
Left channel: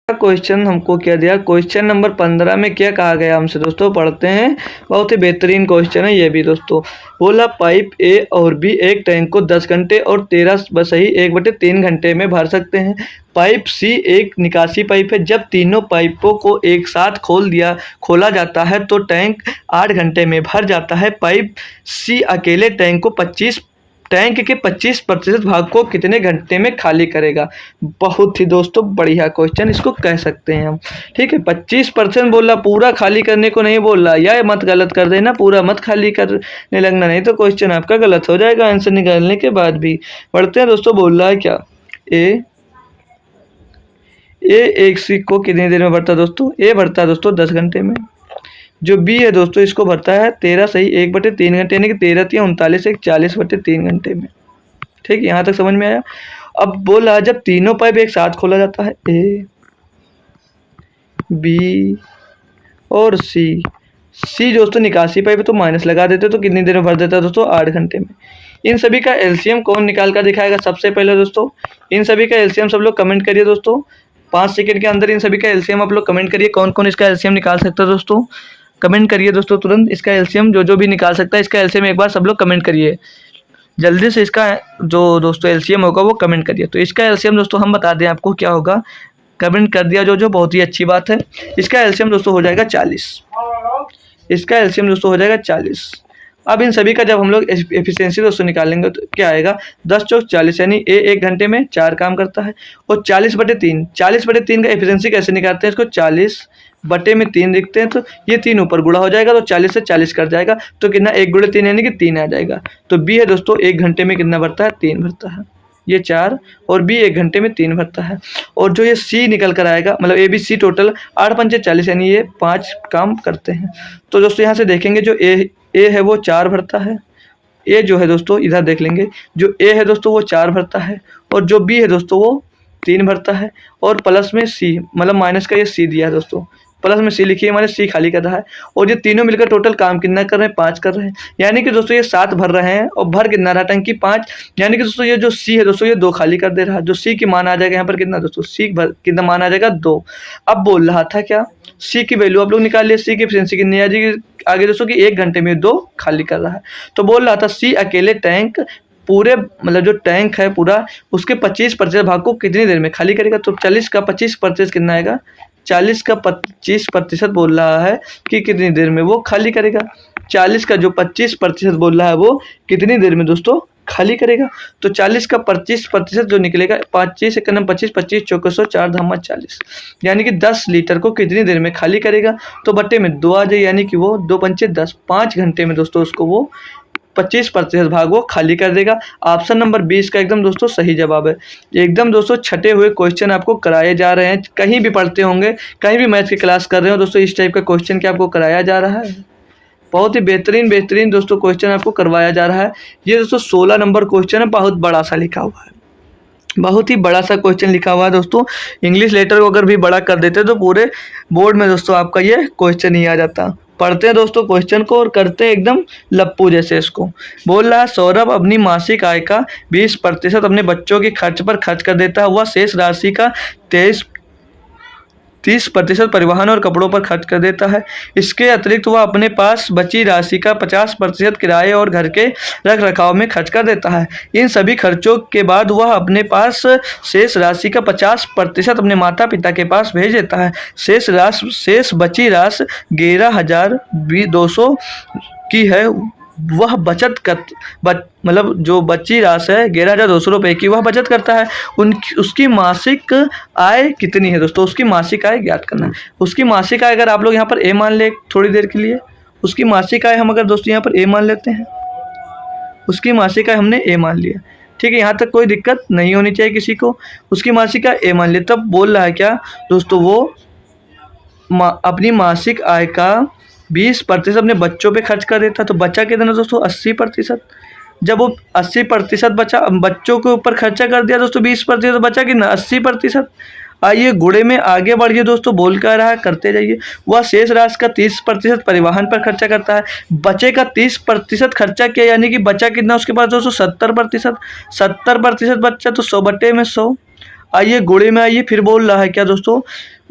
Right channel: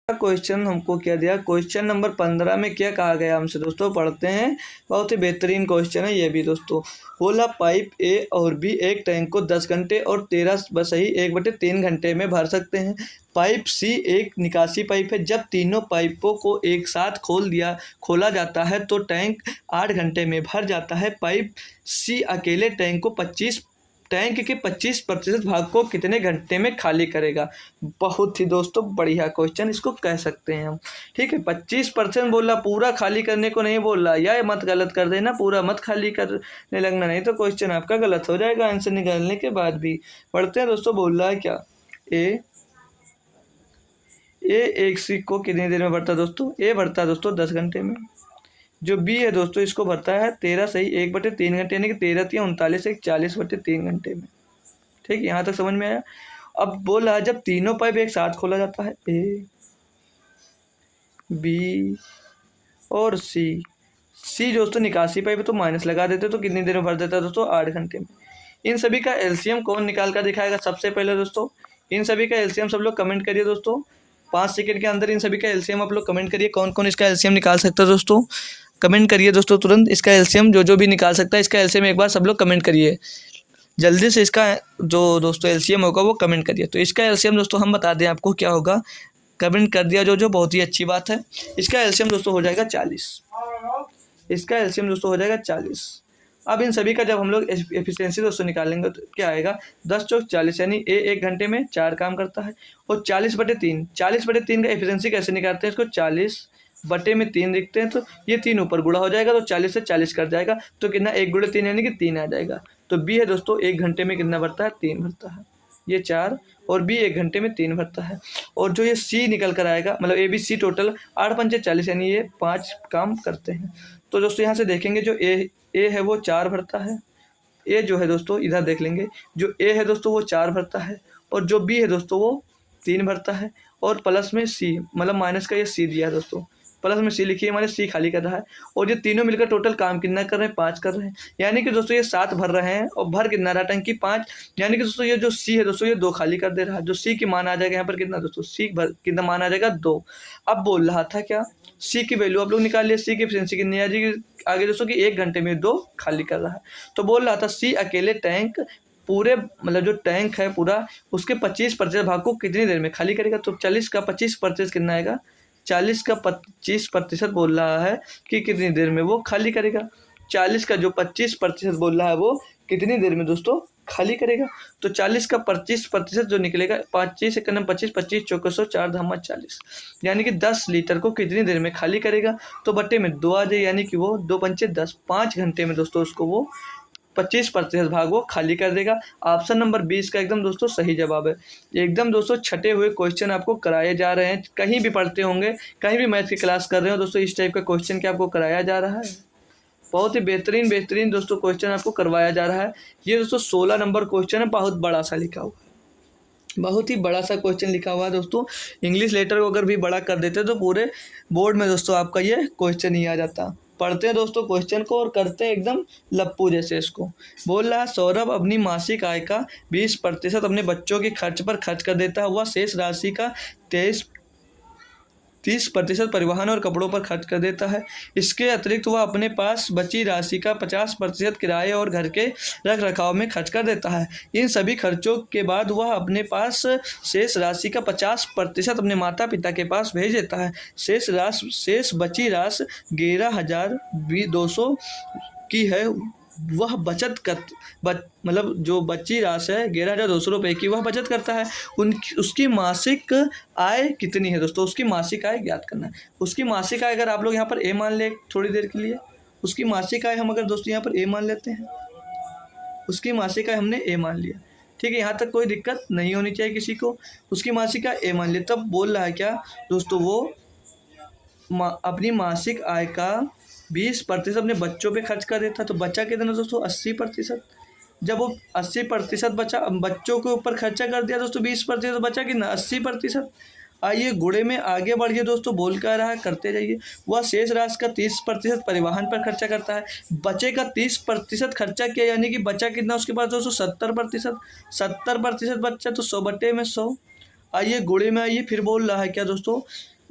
क्वेश्चन हमको क्या दिया, क्वेश्चन नंबर 15 में क्या कहा गया हमसे दोस्तों, पढ़ते हैं। बहुत ही बेहतरीन क्वेश्चन है ये भी दोस्तों। बोला पाइप ए और बी एक टैंक को 10 घंटे और 13 बसही 1/3 घंटे में भर सकते हैं। पाइप सी एक निकासी पाइप है, जब तीनों पाइपों को एक साथ खोला जाता है तो टैंक 8 घंटे में भर जाता है। पाइप सी अकेले टैंक के 25% भाग को कितने घंटे में खाली करेगा। बहुत ही दोस्तों बढ़िया क्वेश्चन इसको कह सकते हैं हम। ठीक है, 25% बोल रहा, पूरा खाली करने को नहीं बोल रहा, या मत गलत कर देना, पूरा मत खाली करने लगना, नहीं तो क्वेश्चन आपका गलत हो जाएगा आंसर निकालने के बाद भी। बढ़ते हैं दोस्तों, बोल रहा है क्या, ए एक सिक्के को कितनी देर में भरता है दोस्तों, ए भरता है दोस्तों 10 घंटे में। जो बी है दोस्तों इसको भरता है 13 सही 1/3 घंटे, यानी कि 13 × 39 एक 40/3 घंटे में। ठीक, यहाँ तक समझ में आया। अब बोल रहा जब तीनों पाइप एक साथ खोला जाता है, ए बी और सी दोस्तों निकासी पाइप तो माइनस लगा देते, तो कितनी देर में भर देता है दोस्तों 8 घंटे में। इन सभी का एलसीएम कौन निकाल कर दिखाएगा सबसे पहले दोस्तों, इन सभी का एलसीएम सब लोग कमेंट करिए दोस्तों, 5 सेकंड के अंदर इन सभी का एलसीएम आप लोग कमेंट करिए, कौन कौन इसका एलसीएम निकाल सकता है दोस्तों, कमेंट करिए दोस्तों तुरंत। इसका एलसीएम जो भी निकाल सकता है, इसका एलसीएम एक बार सब लोग कमेंट करिए जल्दी से, इसका जो दोस्तों एलसीएम होगा वो कमेंट करिए। तो इसका एलसीएम दोस्तों हम बता दें आपको क्या होगा, कमेंट कर दिया जो बहुत ही अच्छी बात है। इसका एलसीएम दोस्तों हो जाएगा 40। इसका एलसीएम दोस्तों हो जाएगा 40। अब इन सभी का जब हम लोग एफिशिएंसी दोस्तों निकालेंगे तो क्या आएगा, 10 चौक 40 यानी ए 1 घंटे में 4 काम करता है। और 40/3 40/3 का एफिशिएंसी कैसे निकालते हैं, इसको 40/3 लिखते हैं तो ये 3 ऊपर गुणा हो जाएगा तो 40 से 40 कट जाएगा तो कितना 1 × 3 यानी कि 3 आ जाएगा। तो बी है दोस्तों 1 घंटे में कितना भरता है, 3 भरता है। ये 4 और बी 1 घंटे में 3 भरता है। और जो ये सी निकल कर आएगा मतलब ए बी सी टोटल 8 पंचे 40 यानी ये 5 काम करते हैं। तो दोस्तों यहाँ से देखेंगे जो ए है वो 4 भरता है। ए जो है दोस्तों इधर देख लेंगे, जो ए है दोस्तों वो 4 भरता है और जो बी है दोस्तों वो 3 भरता है। और प्लस में सी मतलब माइनस का ये सी दिया है दोस्तों, प्लस में सी लिखिए, हमारे सी खाली कर रहा है। और ये तीनों मिलकर टोटल काम कितना कर रहे हैं, 5 कर रहे हैं। यानी कि दोस्तों ये 7 भर रहे हैं और भर कितना रहा टंकी 5। यानी कि दोस्तों ये जो सी है दोस्तों ये 2 खाली कर दे रहा है। जो सी की मान आ जाएगा यहाँ पर कितना दोस्तों, सी भर कितना मान आ जाएगा 2। अब बोल रहा था क्या, सी की वैल्यू आप लोग निकाल लिए, सी की एफिशिएंसी कितनी आ जाएगी आगे दोस्तों कि 1 घंटे में 2 खाली कर रहा है। तो बोल रहा था सी अकेले टैंक पूरे मतलब जो टैंक है पूरा उसके 25% भाग को कितनी देर में खाली करेगा। तो 40 का 25% कितना आएगा, 40 का 25% बोल रहा है कि कितनी देर में वो खाली करेगा। 40 का जो 25% बोल रहा है वो कितनी देर में दोस्तों खाली करेगा। तो 40 का 25% जो निकलेगा, 25 एक 25 25 चौके 100 4 धामा 40 यानी कि 10 लीटर को कितनी देर में खाली करेगा। तो बट्टे में 2 आ जाए यानी कि वो 2 पंचे 10, 5 घंटे में दोस्तों उसको वो 25% भाग वो खाली कर देगा। ऑप्शन नंबर 20 का एकदम दोस्तों सही जवाब है। एकदम दोस्तों छटे हुए क्वेश्चन आपको कराए जा रहे हैं, कहीं भी पढ़ते होंगे, कहीं भी मैथ की क्लास कर रहे हो दोस्तों, इस टाइप का क्वेश्चन क्या आपको कराया जा रहा है। बहुत ही बेहतरीन दोस्तों क्वेश्चन आपको करवाया जा रहा है। ये दोस्तों 16 नंबर क्वेश्चन है, बहुत बड़ा सा लिखा हुआ है, बहुत ही बड़ा सा क्वेश्चन लिखा हुआ है दोस्तों। इंग्लिश लेटर को अगर भी बड़ा कर देते तो पूरे बोर्ड में दोस्तों आपका ये क्वेश्चन ही आ जाता। पढ़ते हैं दोस्तों क्वेश्चन को और करते हैं एकदम लप्पू जैसे इसको। बोल रहा है सौरभ अपनी मासिक आय का 20% अपने बच्चों के खर्च पर खर्च कर देता है, वह शेष राशि का 30% परिवहन और कपड़ों पर खर्च कर देता है। इसके अतिरिक्त वह अपने पास बची राशि का 50% किराए और घर के रख रखाव में खर्च कर देता है। इन सभी खर्चों के बाद वह अपने पास शेष राशि का 50% अपने माता पिता के पास भेज देता है। शेष बची राशि 11,200 की है। वह बचत कर मतलब जो बची राशि है 11,200 रुपये की वह बचत करता है। उसकी मासिक आय कितनी है दोस्तों, उसकी मासिक आय ज्ञात करना है। उसकी मासिक आय अगर आप लोग यहाँ पर ए मान ले थोड़ी देर के लिए, उसकी मासिक आय हम अगर दोस्तों यहाँ पर ए मान लेते हैं, उसकी मासिक आय हमने ए मान लिया, ठीक है, यहाँ तक कोई दिक्कत नहीं होनी चाहिए किसी को। उसकी मासिक आय ए मान लिया, तब बोल रहा है क्या दोस्तों, वो अपनी मासिक आय का 20% अपने बच्चों पे खर्च कर देता। तो बचा कितना दोस्तों, 80%। जब वो 80% बचा, बच्चों के ऊपर खर्चा कर दिया दोस्तों 20%, तो बचा कितना 80%। आइए गुणे में आगे बढ़िए दोस्तों, बोल कर रहा है करते जाइए। वह शेष राशि का 30% परिवहन पर खर्चा करता है। बचे का 30% खर्चा किया यानी कि बचा कितना उसके पास दोस्तों 70%। 70% बच्चा तो 100/100। आइए गुणे में आइए, फिर बोल रहा है क्या दोस्तों,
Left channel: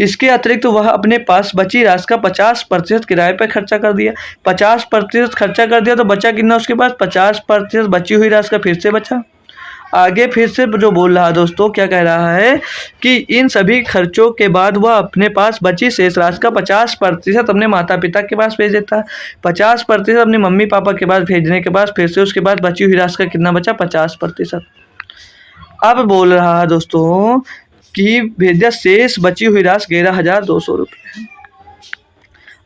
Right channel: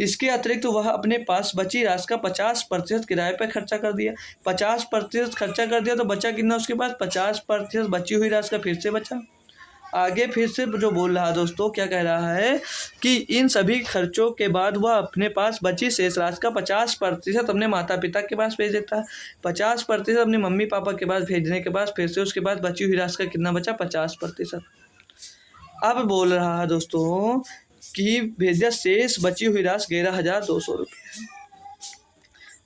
इसके अतिरिक्त वह अपने पास बची राशि का 50% किराए पर खर्चा कर दिया। 50% खर्चा कर दिया तो बचा कितना उसके पास, 50% बची हुई राशि का फिर से बचा। आगे फिर से जो बोल रहा है दोस्तों, क्या कह रहा है कि इन सभी खर्चों के बाद वह अपने पास बची शेष राशि का 50% अपने माता पिता के पास भेज देता है। 50% अपने मम्मी पापा के पास भेजने के बाद फिर से उसके बाद बची हुई राशि का कितना बचा, 50%। अब बोल रहा है दोस्तों कि भेजा शेष बची हुई राशि 11,200 रुपये।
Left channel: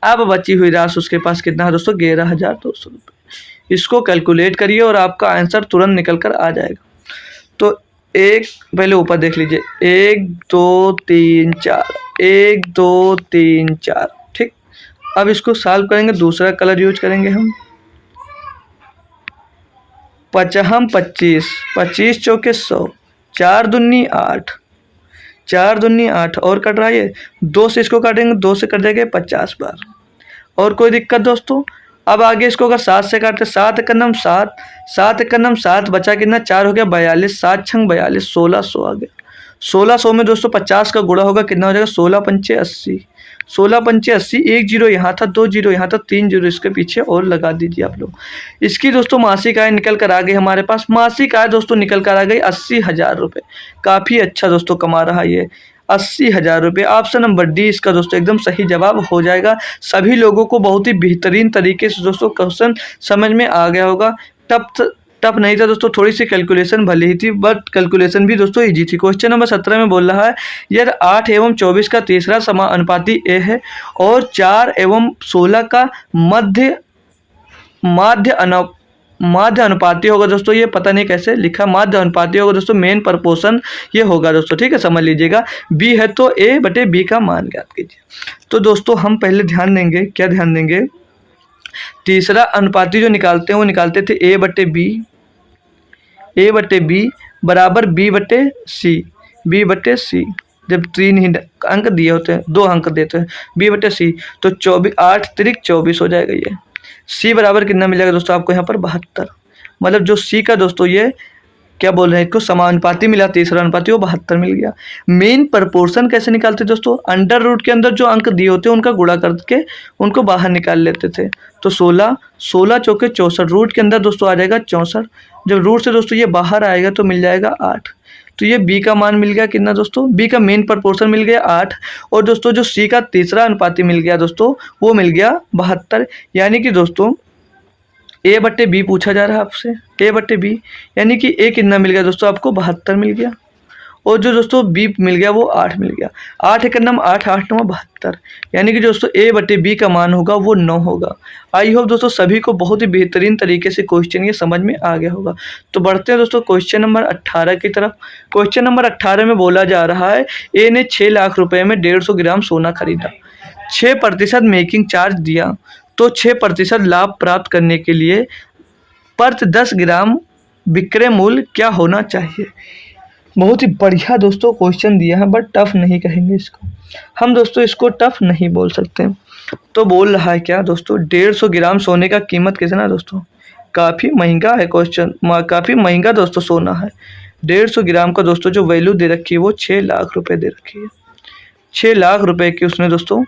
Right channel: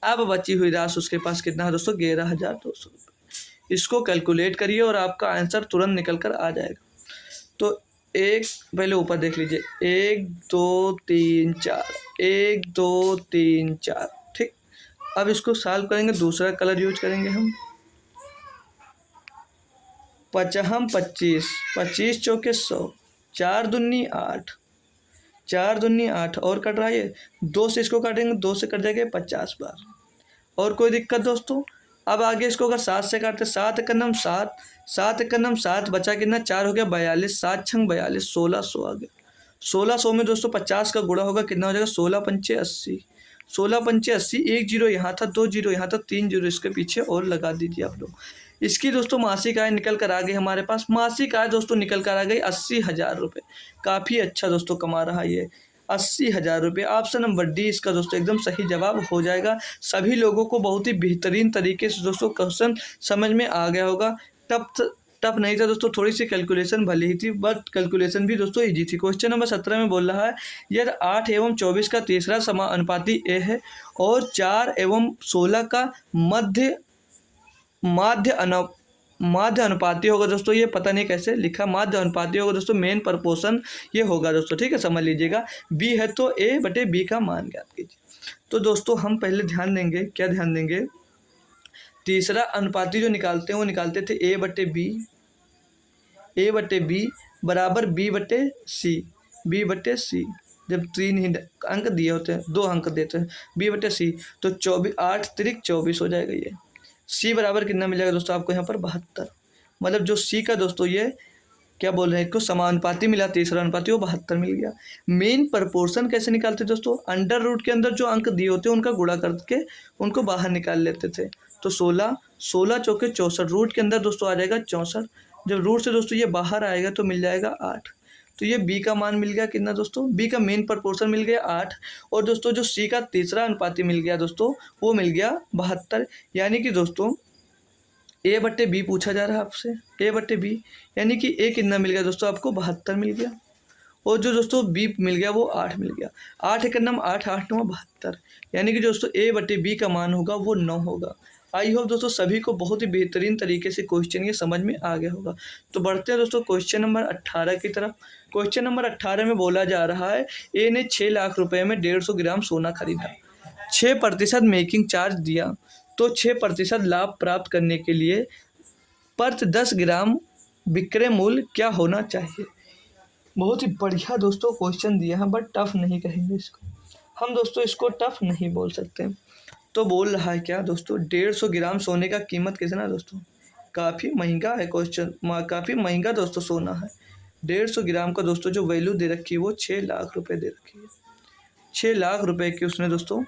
अब बची हुई राशि उसके पास कितना है दोस्तों, 11,200 रुपये। इसको कैलकुलेट करिए और आपका आंसर तुरंत निकल कर आ जाएगा। तो एक पहले ऊपर देख लीजिए, 1 2 3 4, 1 2 3 4, ठीक। अब इसको सॉल्व करेंगे, दूसरा कलर यूज करेंगे हम। 25 25 चौके 100, 4 दूनी 8, 4 दूनी 8 और कट रहा है ये 2 से, इसको काटेंगे 2 से कट जाएगा 50 बार। और कोई दिक्कत दोस्तों। अब आगे इसको अगर 7 से काटते, 7 एकम 7, 7 एकम 7, बचा कितना 4 हो गया 42, 7 छंग 42, 1600 आ गया। 1600 में दोस्तों 50 का गुणा होगा, कितना हो जाएगा 16 पंचे 80, 16 पंचे 80, 1 जीरो यहाँ था, 2 जीरो यहाँ था, 3 जीरो इसके पीछे और लगा दीजिए आप लोग। इसकी दोस्तों मासिक आय निकल कर आ गई हमारे पास। मासिक आय दोस्तों निकल कर आ गई 80,000 रुपये। काफ़ी अच्छा दोस्तों कमा रहा है ये। 80,000 रुपये। ऑप्शन नंबर डी इसका दोस्तों एकदम सही जवाब हो जाएगा। सभी लोगों को बहुत ही बेहतरीन तरीके से दोस्तों क्वेश्चन समझ में आ गया होगा। टफ टफ नहीं था दोस्तों, थोड़ी सी कैलकुलेशन भले ही थी, बट कैलकुलेशन भी दोस्तों इजी थी। क्वेश्चन नंबर 17 में बोल रहा है, यदि 8 एवं 24 का तीसरा समानुपाती ए है और 4 एवं 16 का मध्य माध्य अनुपाती होगा दोस्तों। ये पता नहीं कैसे लिखा, माध्य अनुपाती होगा दोस्तों, मेन प्रपोर्शन ये होगा दोस्तों, ठीक है, समझ लीजिएगा। बी है तो ए बटे बी का मान ज्ञात कीजिए। तो दोस्तों हम पहले ध्यान देंगे, क्या ध्यान देंगे, तीसरा अनुपाती जो निकालते हैं वो निकालते थे ए बटे बी बराबर बी बटे सी। जब 3 ही अंक दिए होते हैं, 2 अंक देते हैं, बी बटे सी, तो 24 8 तिरिक 24 हो जाएगा। ये सी बराबर कितना मिल जाएगा दोस्तों आपको यहाँ पर 72। मतलब जो सी का दोस्तों ये क्या बोल रहे हैं, इसको समानुपाती मिला, तीसरा अनुपाती, वो 72 मिल गया। मेन प्रपोर्शन कैसे निकालते दोस्तों, अंडर रूट के अंदर जो अंक दिए होते हैं उनका गुणा करके उनको बाहर निकाल लेते थे। तो 16 चौके 64, रूट के अंदर दोस्तों आ जाएगा 64। जब रूट से दोस्तों ये बाहर आएगा तो मिल जाएगा 8। तो ये बी का मान मिल गया कितना दोस्तों, बी का मेन प्रपोर्शन मिल गया 8। और दोस्तों जो सी का तीसरा अनुपाती मिल गया दोस्तों वो मिल गया 72। यानी कि दोस्तों ए बट्टे बी पूछा जा रहा है आपसे, ए बट्टे बी, यानी कि ए कितना मिल गया दोस्तों आपको 72 मिल गया। और जो दोस्तों बी मिल गया वो 8 मिल गया। 8 एक नंबर 8 8 नंबर 72, यानी कि दोस्तों ए बटे बी का मान होगा वो 9 होगा। आई होप दोस्तों सभी को बहुत ही बेहतरीन तरीके से क्वेश्चन ये समझ में आ गया होगा। तो बढ़ते हैं दोस्तों क्वेश्चन नंबर 18 की तरफ। क्वेश्चन नंबर 18 में बोला जा रहा है, ए ने 6 लाख रुपए में 150 ग्राम सोना खरीदा, 6% मेकिंग चार्ज दिया, तो 6% लाभ प्राप्त करने के लिए प्रति 10 ग्राम विक्रय मूल्य क्या होना चाहिए। बहुत ही बढ़िया दोस्तों क्वेश्चन दिया है, बट टफ नहीं कहेंगे इसको हम दोस्तों, इसको टफ नहीं बोल सकते। तो बोल रहा है क्या दोस्तों, 150 ग्राम सोने का कीमत कितना दोस्तों, काफ़ी महंगा है क्वेश्चन, काफ़ी महंगा दोस्तों सोना है। 150 ग्राम का दोस्तों जो वैल्यू दे रखी है वो 6 लाख रुपए दे रखी है। 6 लाख रुपए की उसने दोस्तों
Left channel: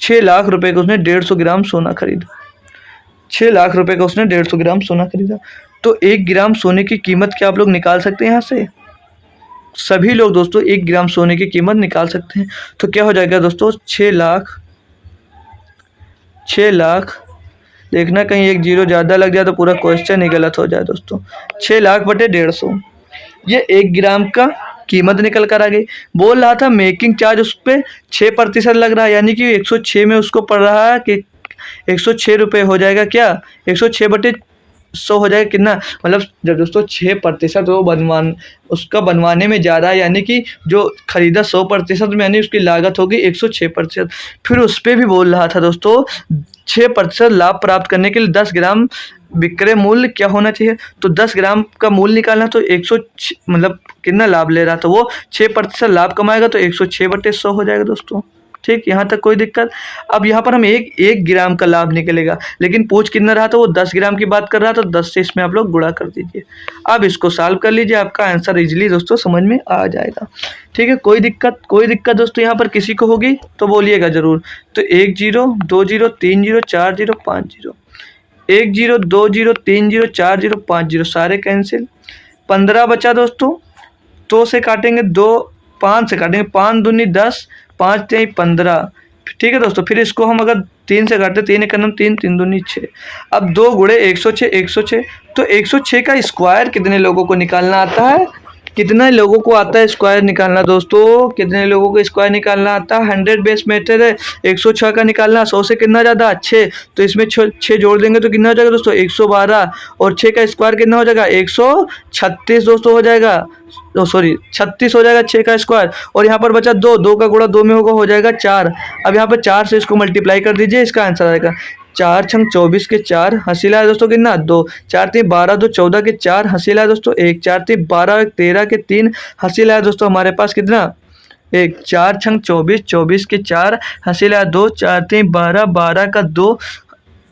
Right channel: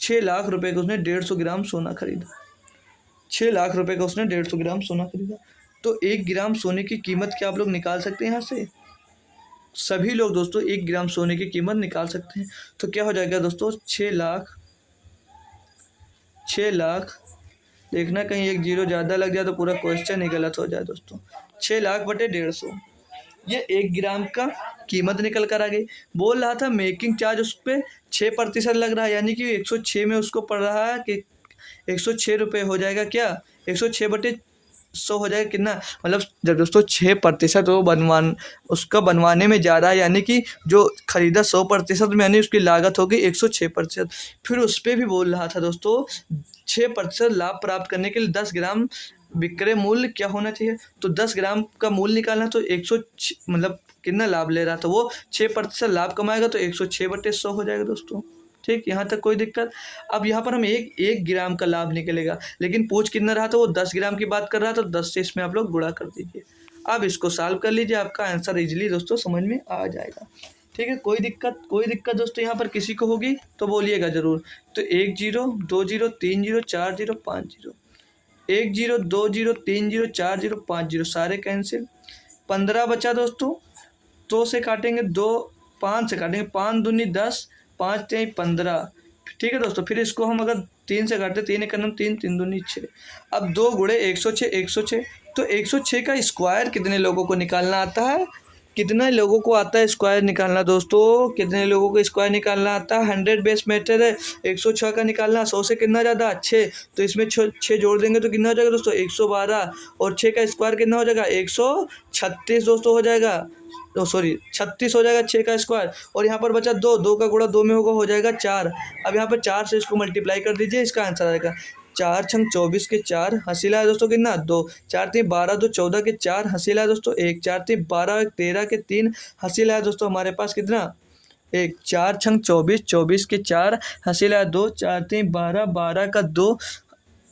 6 लाख रुपए का उसने 150 ग्राम सोना खरीदा। 6 लाख रुपए का उसने 150 ग्राम सोना खरीदा। तो 1 ग्राम सोने की कीमत क्या आप लोग निकाल सकते हैं यहाँ से, सभी लोग दोस्तों 1 ग्राम सोने की कीमत निकाल सकते हैं। तो क्या हो जाएगा दोस्तों 6 लाख, देखना कहीं एक जीरो ज़्यादा लग जाए तो पूरा क्वेश्चन ही गलत हो जाए दोस्तों। 6 लाख बटे 150, ये 1 ग्राम का कीमत निकल कर आ गई। बोल रहा था मेकिंग चार्ज उस पर 6% लग रहा है, यानी कि 106 में उसको पड़ रहा है कि 106 रुपये हो जाएगा, क्या 106 बटे 100 हो जाएगा कितना, मतलब जब दोस्तों 6% वो उसका बनवाने में ज़्यादा है, यानी कि जो खरीदा 100% में, यानी उसकी लागत होगी 106%। फिर उस पर भी बोल रहा था दोस्तों 6% लाभ प्राप्त करने के लिए 10 ग्राम विक्रय मूल्य क्या होना चाहिए। तो 10 ग्राम का मूल्य निकालना, तो 106 मतलब कितना लाभ ले रहा था वो, 6% लाभ कमाएगा तो 106 बटे 100 हो जाएगा दोस्तों। ठीक, यहाँ तक कोई दिक्कत। अब यहाँ पर हम एक ग्राम का लाभ निकलेगा, लेकिन पूछ कितना रहा था वो 10 ग्राम की बात कर रहा था, तो 10 से इसमें आप लोग गुणा कर दीजिए। अब इसको सॉल्व कर लीजिए, आपका आंसर इजीली दोस्तों समझ में आ जाएगा। ठीक है, कोई दिक्कत दोस्तों यहाँ पर किसी को होगी तो बोलिएगा ज़रूर। तो 1 0 2 0 3 0 4 0 5 0, 1 0 2 0 3 0 4 0 5 0, सारे कैंसिल। 15 बचा दोस्तों, 2 से काटेंगे, 2 5 से काटेंगे, 5 दूनी 10, 5 3 15। ठीक है दोस्तों, फिर इसको हम अगर 3 से काटते, 3 एक 3, 3 दूनी 6। अब 2 गुणे 106, तो 106 का स्क्वायर कितने लोगों को निकालना आता है, कितने लोगों को आता है स्क्वायर निकालना दोस्तों, कितने लोगों को स्क्वायर निकालना आता है, 100 बेस मेथड है। 106 का निकालना, 100 से कितना ज़्यादा 6, तो इसमें 6 जोड़ देंगे तो कितना हो जाएगा दोस्तों 112, और 6 का स्क्वायर कितना हो जाएगा 136 दोस्तों हो जाएगा, 36 हो जाएगा 6 का स्क्वायर। और यहाँ पर बचा 2 का गुणा 2 में होगा, हो जाएगा 4। अब यहाँ पर 4 से इसको मल्टीप्लाई कर दीजिए, इसका आंसर आएगा 4 छंग 24 के 4, हंसी लाया दोस्तों कितना 2, 4 3 12 2 14 के 4, हंसी लाया दोस्तों 1, 4 3 12 1 13 के 3, हंसी लाया दोस्तों हमारे पास कितना 1, 4 छंग 24 24 के 4, हंसी लाया 2, 4 3 12 12 का 2,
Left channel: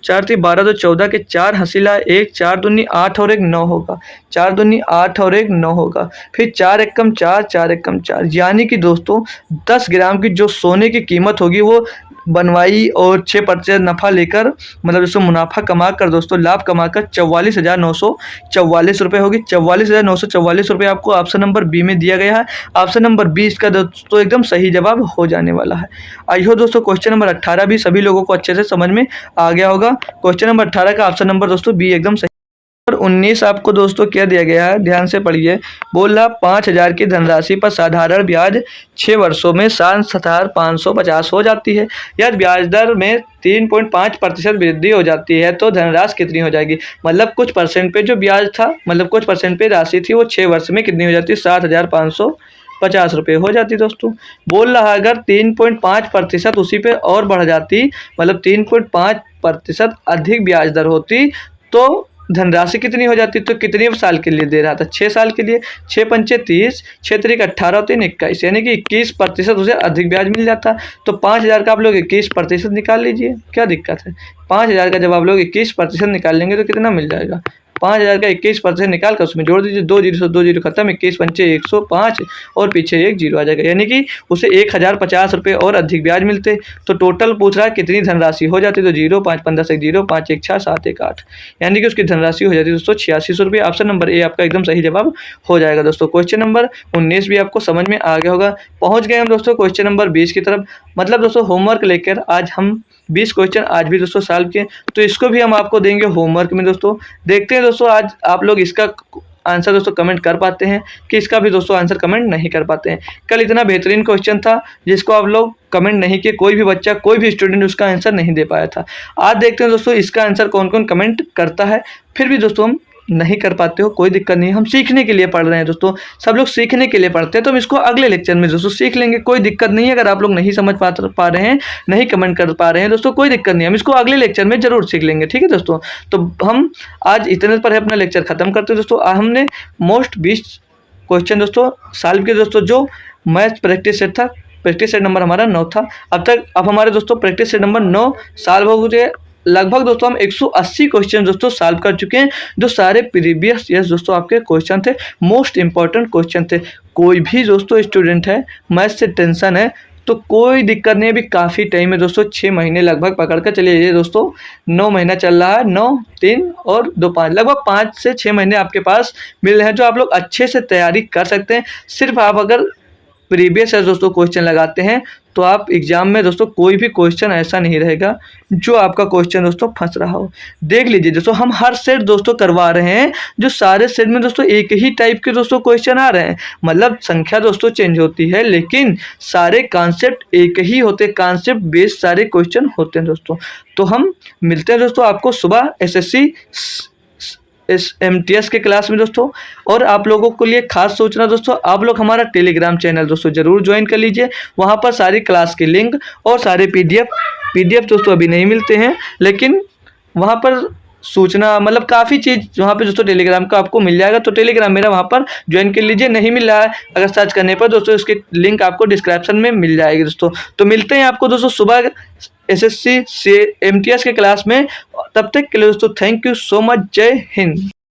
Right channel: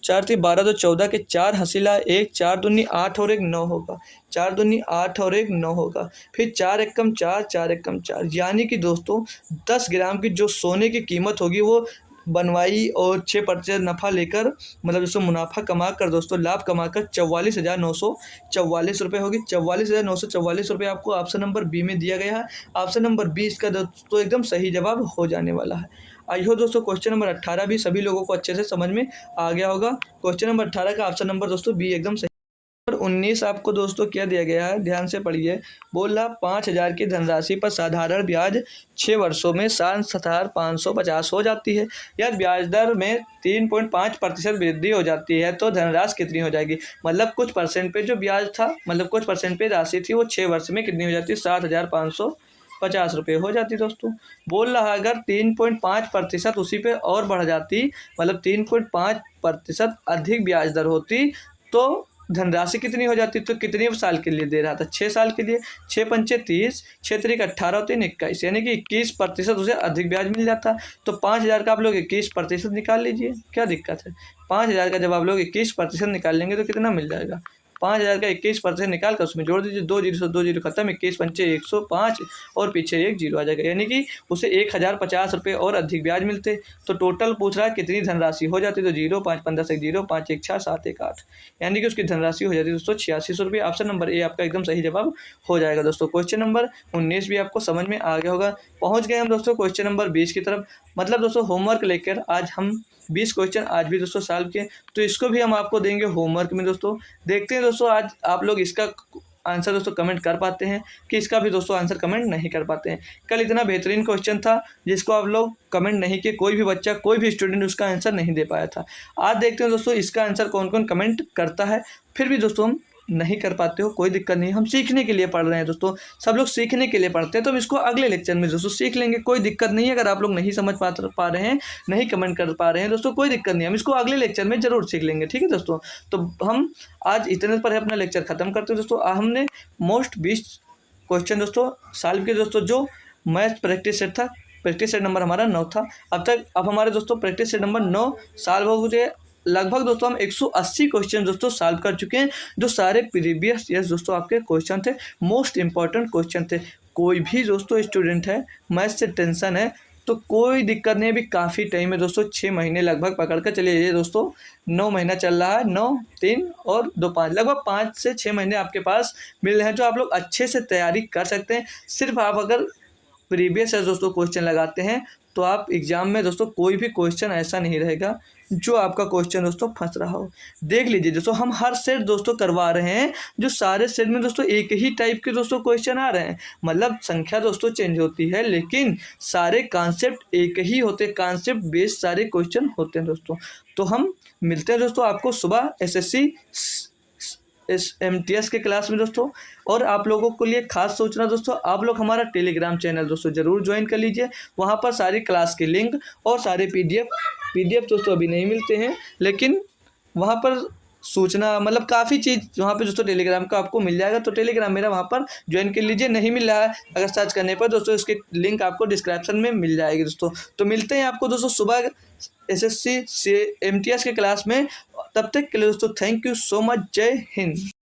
4 3 12 2 14 के 4, हंसी लाया 1, 4 दूनी 8 और 1 9 होगा, 4 दूनी 8 और 1 9 होगा, फिर 4 1 कम 4, 4 1 कम 4, यानी कि दोस्तों 10 ग्राम की जो सोने की कीमत होगी वो बनवाई और 6% नफ़ा लेकर मतलब दोस्तों मुनाफा कमा कर दोस्तों लाभ कमाकर 44,944 रुपये होगी। 44,944 रुपये आपको ऑप्शन नंबर बी में दिया गया है। ऑप्शन नंबर बी इसका दोस्तों एकदम सही जवाब हो जाने वाला है। आई हो दोस्तों क्वेश्चन नंबर 18 भी सभी लोगों को अच्छे से समझ में आ गया होगा। क्वेश्चन नंबर 18 का ऑप्शन नंबर दोस्तों बी एकदम सही। और 19 आपको दोस्तों क्या दिया गया है, ध्यान से पढ़िए। बोल रहा 5,000 की धनराशि पर साधारण ब्याज 6 वर्षों में 7,550 हो जाती है। यदि ब्याज दर में 3.5% वृद्धि हो जाती है तो धनराशि कितनी हो जाएगी। मतलब कुछ परसेंट पे जो ब्याज था, मतलब कुछ परसेंट पे राशि थी, वो 6 वर्ष में कितनी हो जाती है, 7,550 रुपये हो जाती दोस्तों। बोल रहा अगर 3.5% उसी पे और बढ़ जाती, मतलब 3.5% अधिक ब्याज दर होती तो धनराशि कितनी हो जाती। तो कितने साल के लिए दे रहा था, 6 साल के लिए। 6 पंचे 30, 6 तरीक 18 और 3 21, यानी कि 21% उसे अधिक ब्याज मिल जाता। तो 5,000 का आप लोग 21% निकाल लीजिए, क्या दिक्कत है। 5,000 का जब आप लोग 21% निकाल लेंगे तो कितना मिल जाएगा। 5,000 का 21% निकाल कर उसमें जोड़ दीजिए, 2 जीरो से 2 जीरो खत्म, 21 पंचे 105 और पीछे एक जीरो आ जाएगा, यानी कि उसे 1,050 रुपये और अधिक ब्याज मिलते। तो टोटल पूछ रहा है कितनी धनराशि हो जाती, तो 0 5 15 से 0 5 1 6 7 1 8, यानी कि उसकी धनराशि हो जाती है दोस्तों 8600 रुपये। ऑप्शन नंबर ए आपका एकदम सही जवाब हो जाएगा दोस्तों। क्वेश्चन नंबर 19 भी आपको समझ में आ गया होगा। पहुंच गए हम दोस्तों क्वेश्चन नंबर 20 की तरफ। मतलब दोस्तों होमवर्क लेकर आज हम 20 क्वेश्चन आज भी दोस्तों सॉल्व किए, तो इसको भी हम आपको देंगे होमवर्क में दोस्तों। देखते हैं दोस्तों आज आप लोग इसका आंसर दोस्तों कमेंट कर पाते हैं कि इसका भी दोस्तों आंसर कमेंट नहीं कर पाते हैं। कल इतना बेहतरीन क्वेश्चन था जिसको आप लोग कमेंट नहीं किए, कोई भी बच्चा कोई भी स्टूडेंट उसका आंसर नहीं दे पाया था। आज देखते हैं दोस्तों इसका आंसर कौन कौन कमेंट करता है। फिर भी दोस्तों हम नहीं कर पाते हो कोई दिक्कत नहीं, हम सीखने के लिए पढ़ रहे हैं दोस्तों, सब लोग सीखने के लिए पढ़ते हैं। तो हम इसको अगले लेक्चर में दोस्तों सीख लेंगे, कोई दिक्कत नहीं है। अगर आप लोग नहीं समझ पा रहे हैं, नहीं कमेंट कर पा रहे हैं दोस्तों, कोई दिक्कत नहीं, हम इसको अगले लेक्चर में जरूर सीख लेंगे, ठीक है दोस्तों। तो हम आज इतने पर अपना लेक्चर खत्म करते हैं दोस्तों। हमने मोस्ट 20 क्वेश्चन दोस्तों सॉल्व किए दोस्तों, जो मैथ प्रैक्टिस सेट था, प्रैक्टिस सेट नंबर हमारा 9 था। अब हमारे दोस्तों प्रैक्टिस सेट नंबर 9 सॉल्व हो गए। लगभग दोस्तों हम 180 क्वेश्चन दोस्तों सॉल्व कर चुके हैं, जो सारे प्रीवियस ईयर्स दोस्तों आपके क्वेश्चन थे, मोस्ट इंपॉर्टेंट क्वेश्चन थे। कोई भी दोस्तों स्टूडेंट है मैथ से टेंशन है तो कोई दिक्कत नहीं है, अभी काफ़ी टाइम है दोस्तों, 6 महीने लगभग पकड़ कर चलिए। ये दोस्तों 9 महीना चल रहा है, 9 3 और 2 5, लगभग 5 से 6 महीने आपके पास मिल रहे हैं, जो आप लोग अच्छे से तैयारी कर सकते हैं। सिर्फ आप अगर प्रीवियस ईयर दोस्तों क्वेश्चन लगाते हैं तो आप एग्जाम में दोस्तों कोई भी क्वेश्चन ऐसा नहीं रहेगा जो आपका क्वेश्चन दोस्तों फंस रहा हो। देख लीजिए दोस्तों हम हर सेट दोस्तों करवा रहे हैं, जो सारे सेट में दोस्तों एक ही टाइप के दोस्तों क्वेश्चन आ रहे हैं। मतलब संख्या दोस्तों चेंज होती है लेकिन सारे कॉन्सेप्ट एक ही होते हैं, कॉन्सेप्ट बेस्ड सारे क्वेश्चन होते हैं दोस्तों। तो हम मिलते हैं दोस्तों आपको सुबह एसएससी इस MTS के क्लास में दोस्तों। और आप लोगों के लिए खास सोचना दोस्तों, आप लोग हमारा टेलीग्राम चैनल दोस्तों जरूर ज्वाइन कर लीजिए। वहाँ पर सारी क्लास की लिंक और सारे PDF दोस्तों अभी नहीं मिलते हैं, लेकिन वहाँ पर सूचना मतलब काफ़ी चीज़ वहाँ पे दोस्तों टेलीग्राम का आपको मिल जाएगा। तो टेलीग्राम मेरा वहाँ पर ज्वाइन कर लीजिए। नहीं मिल रहा है अगर सर्च करने पर दोस्तों, उसकी लिंक आपको डिस्क्रिप्शन में मिल जाएगी दोस्तों। तो मिलते हैं आपको दोस्तों सुबह SSC से MTS के क्लास में। तब तक के लिए दोस्तों थैंक यू सो मच, जय हिंद।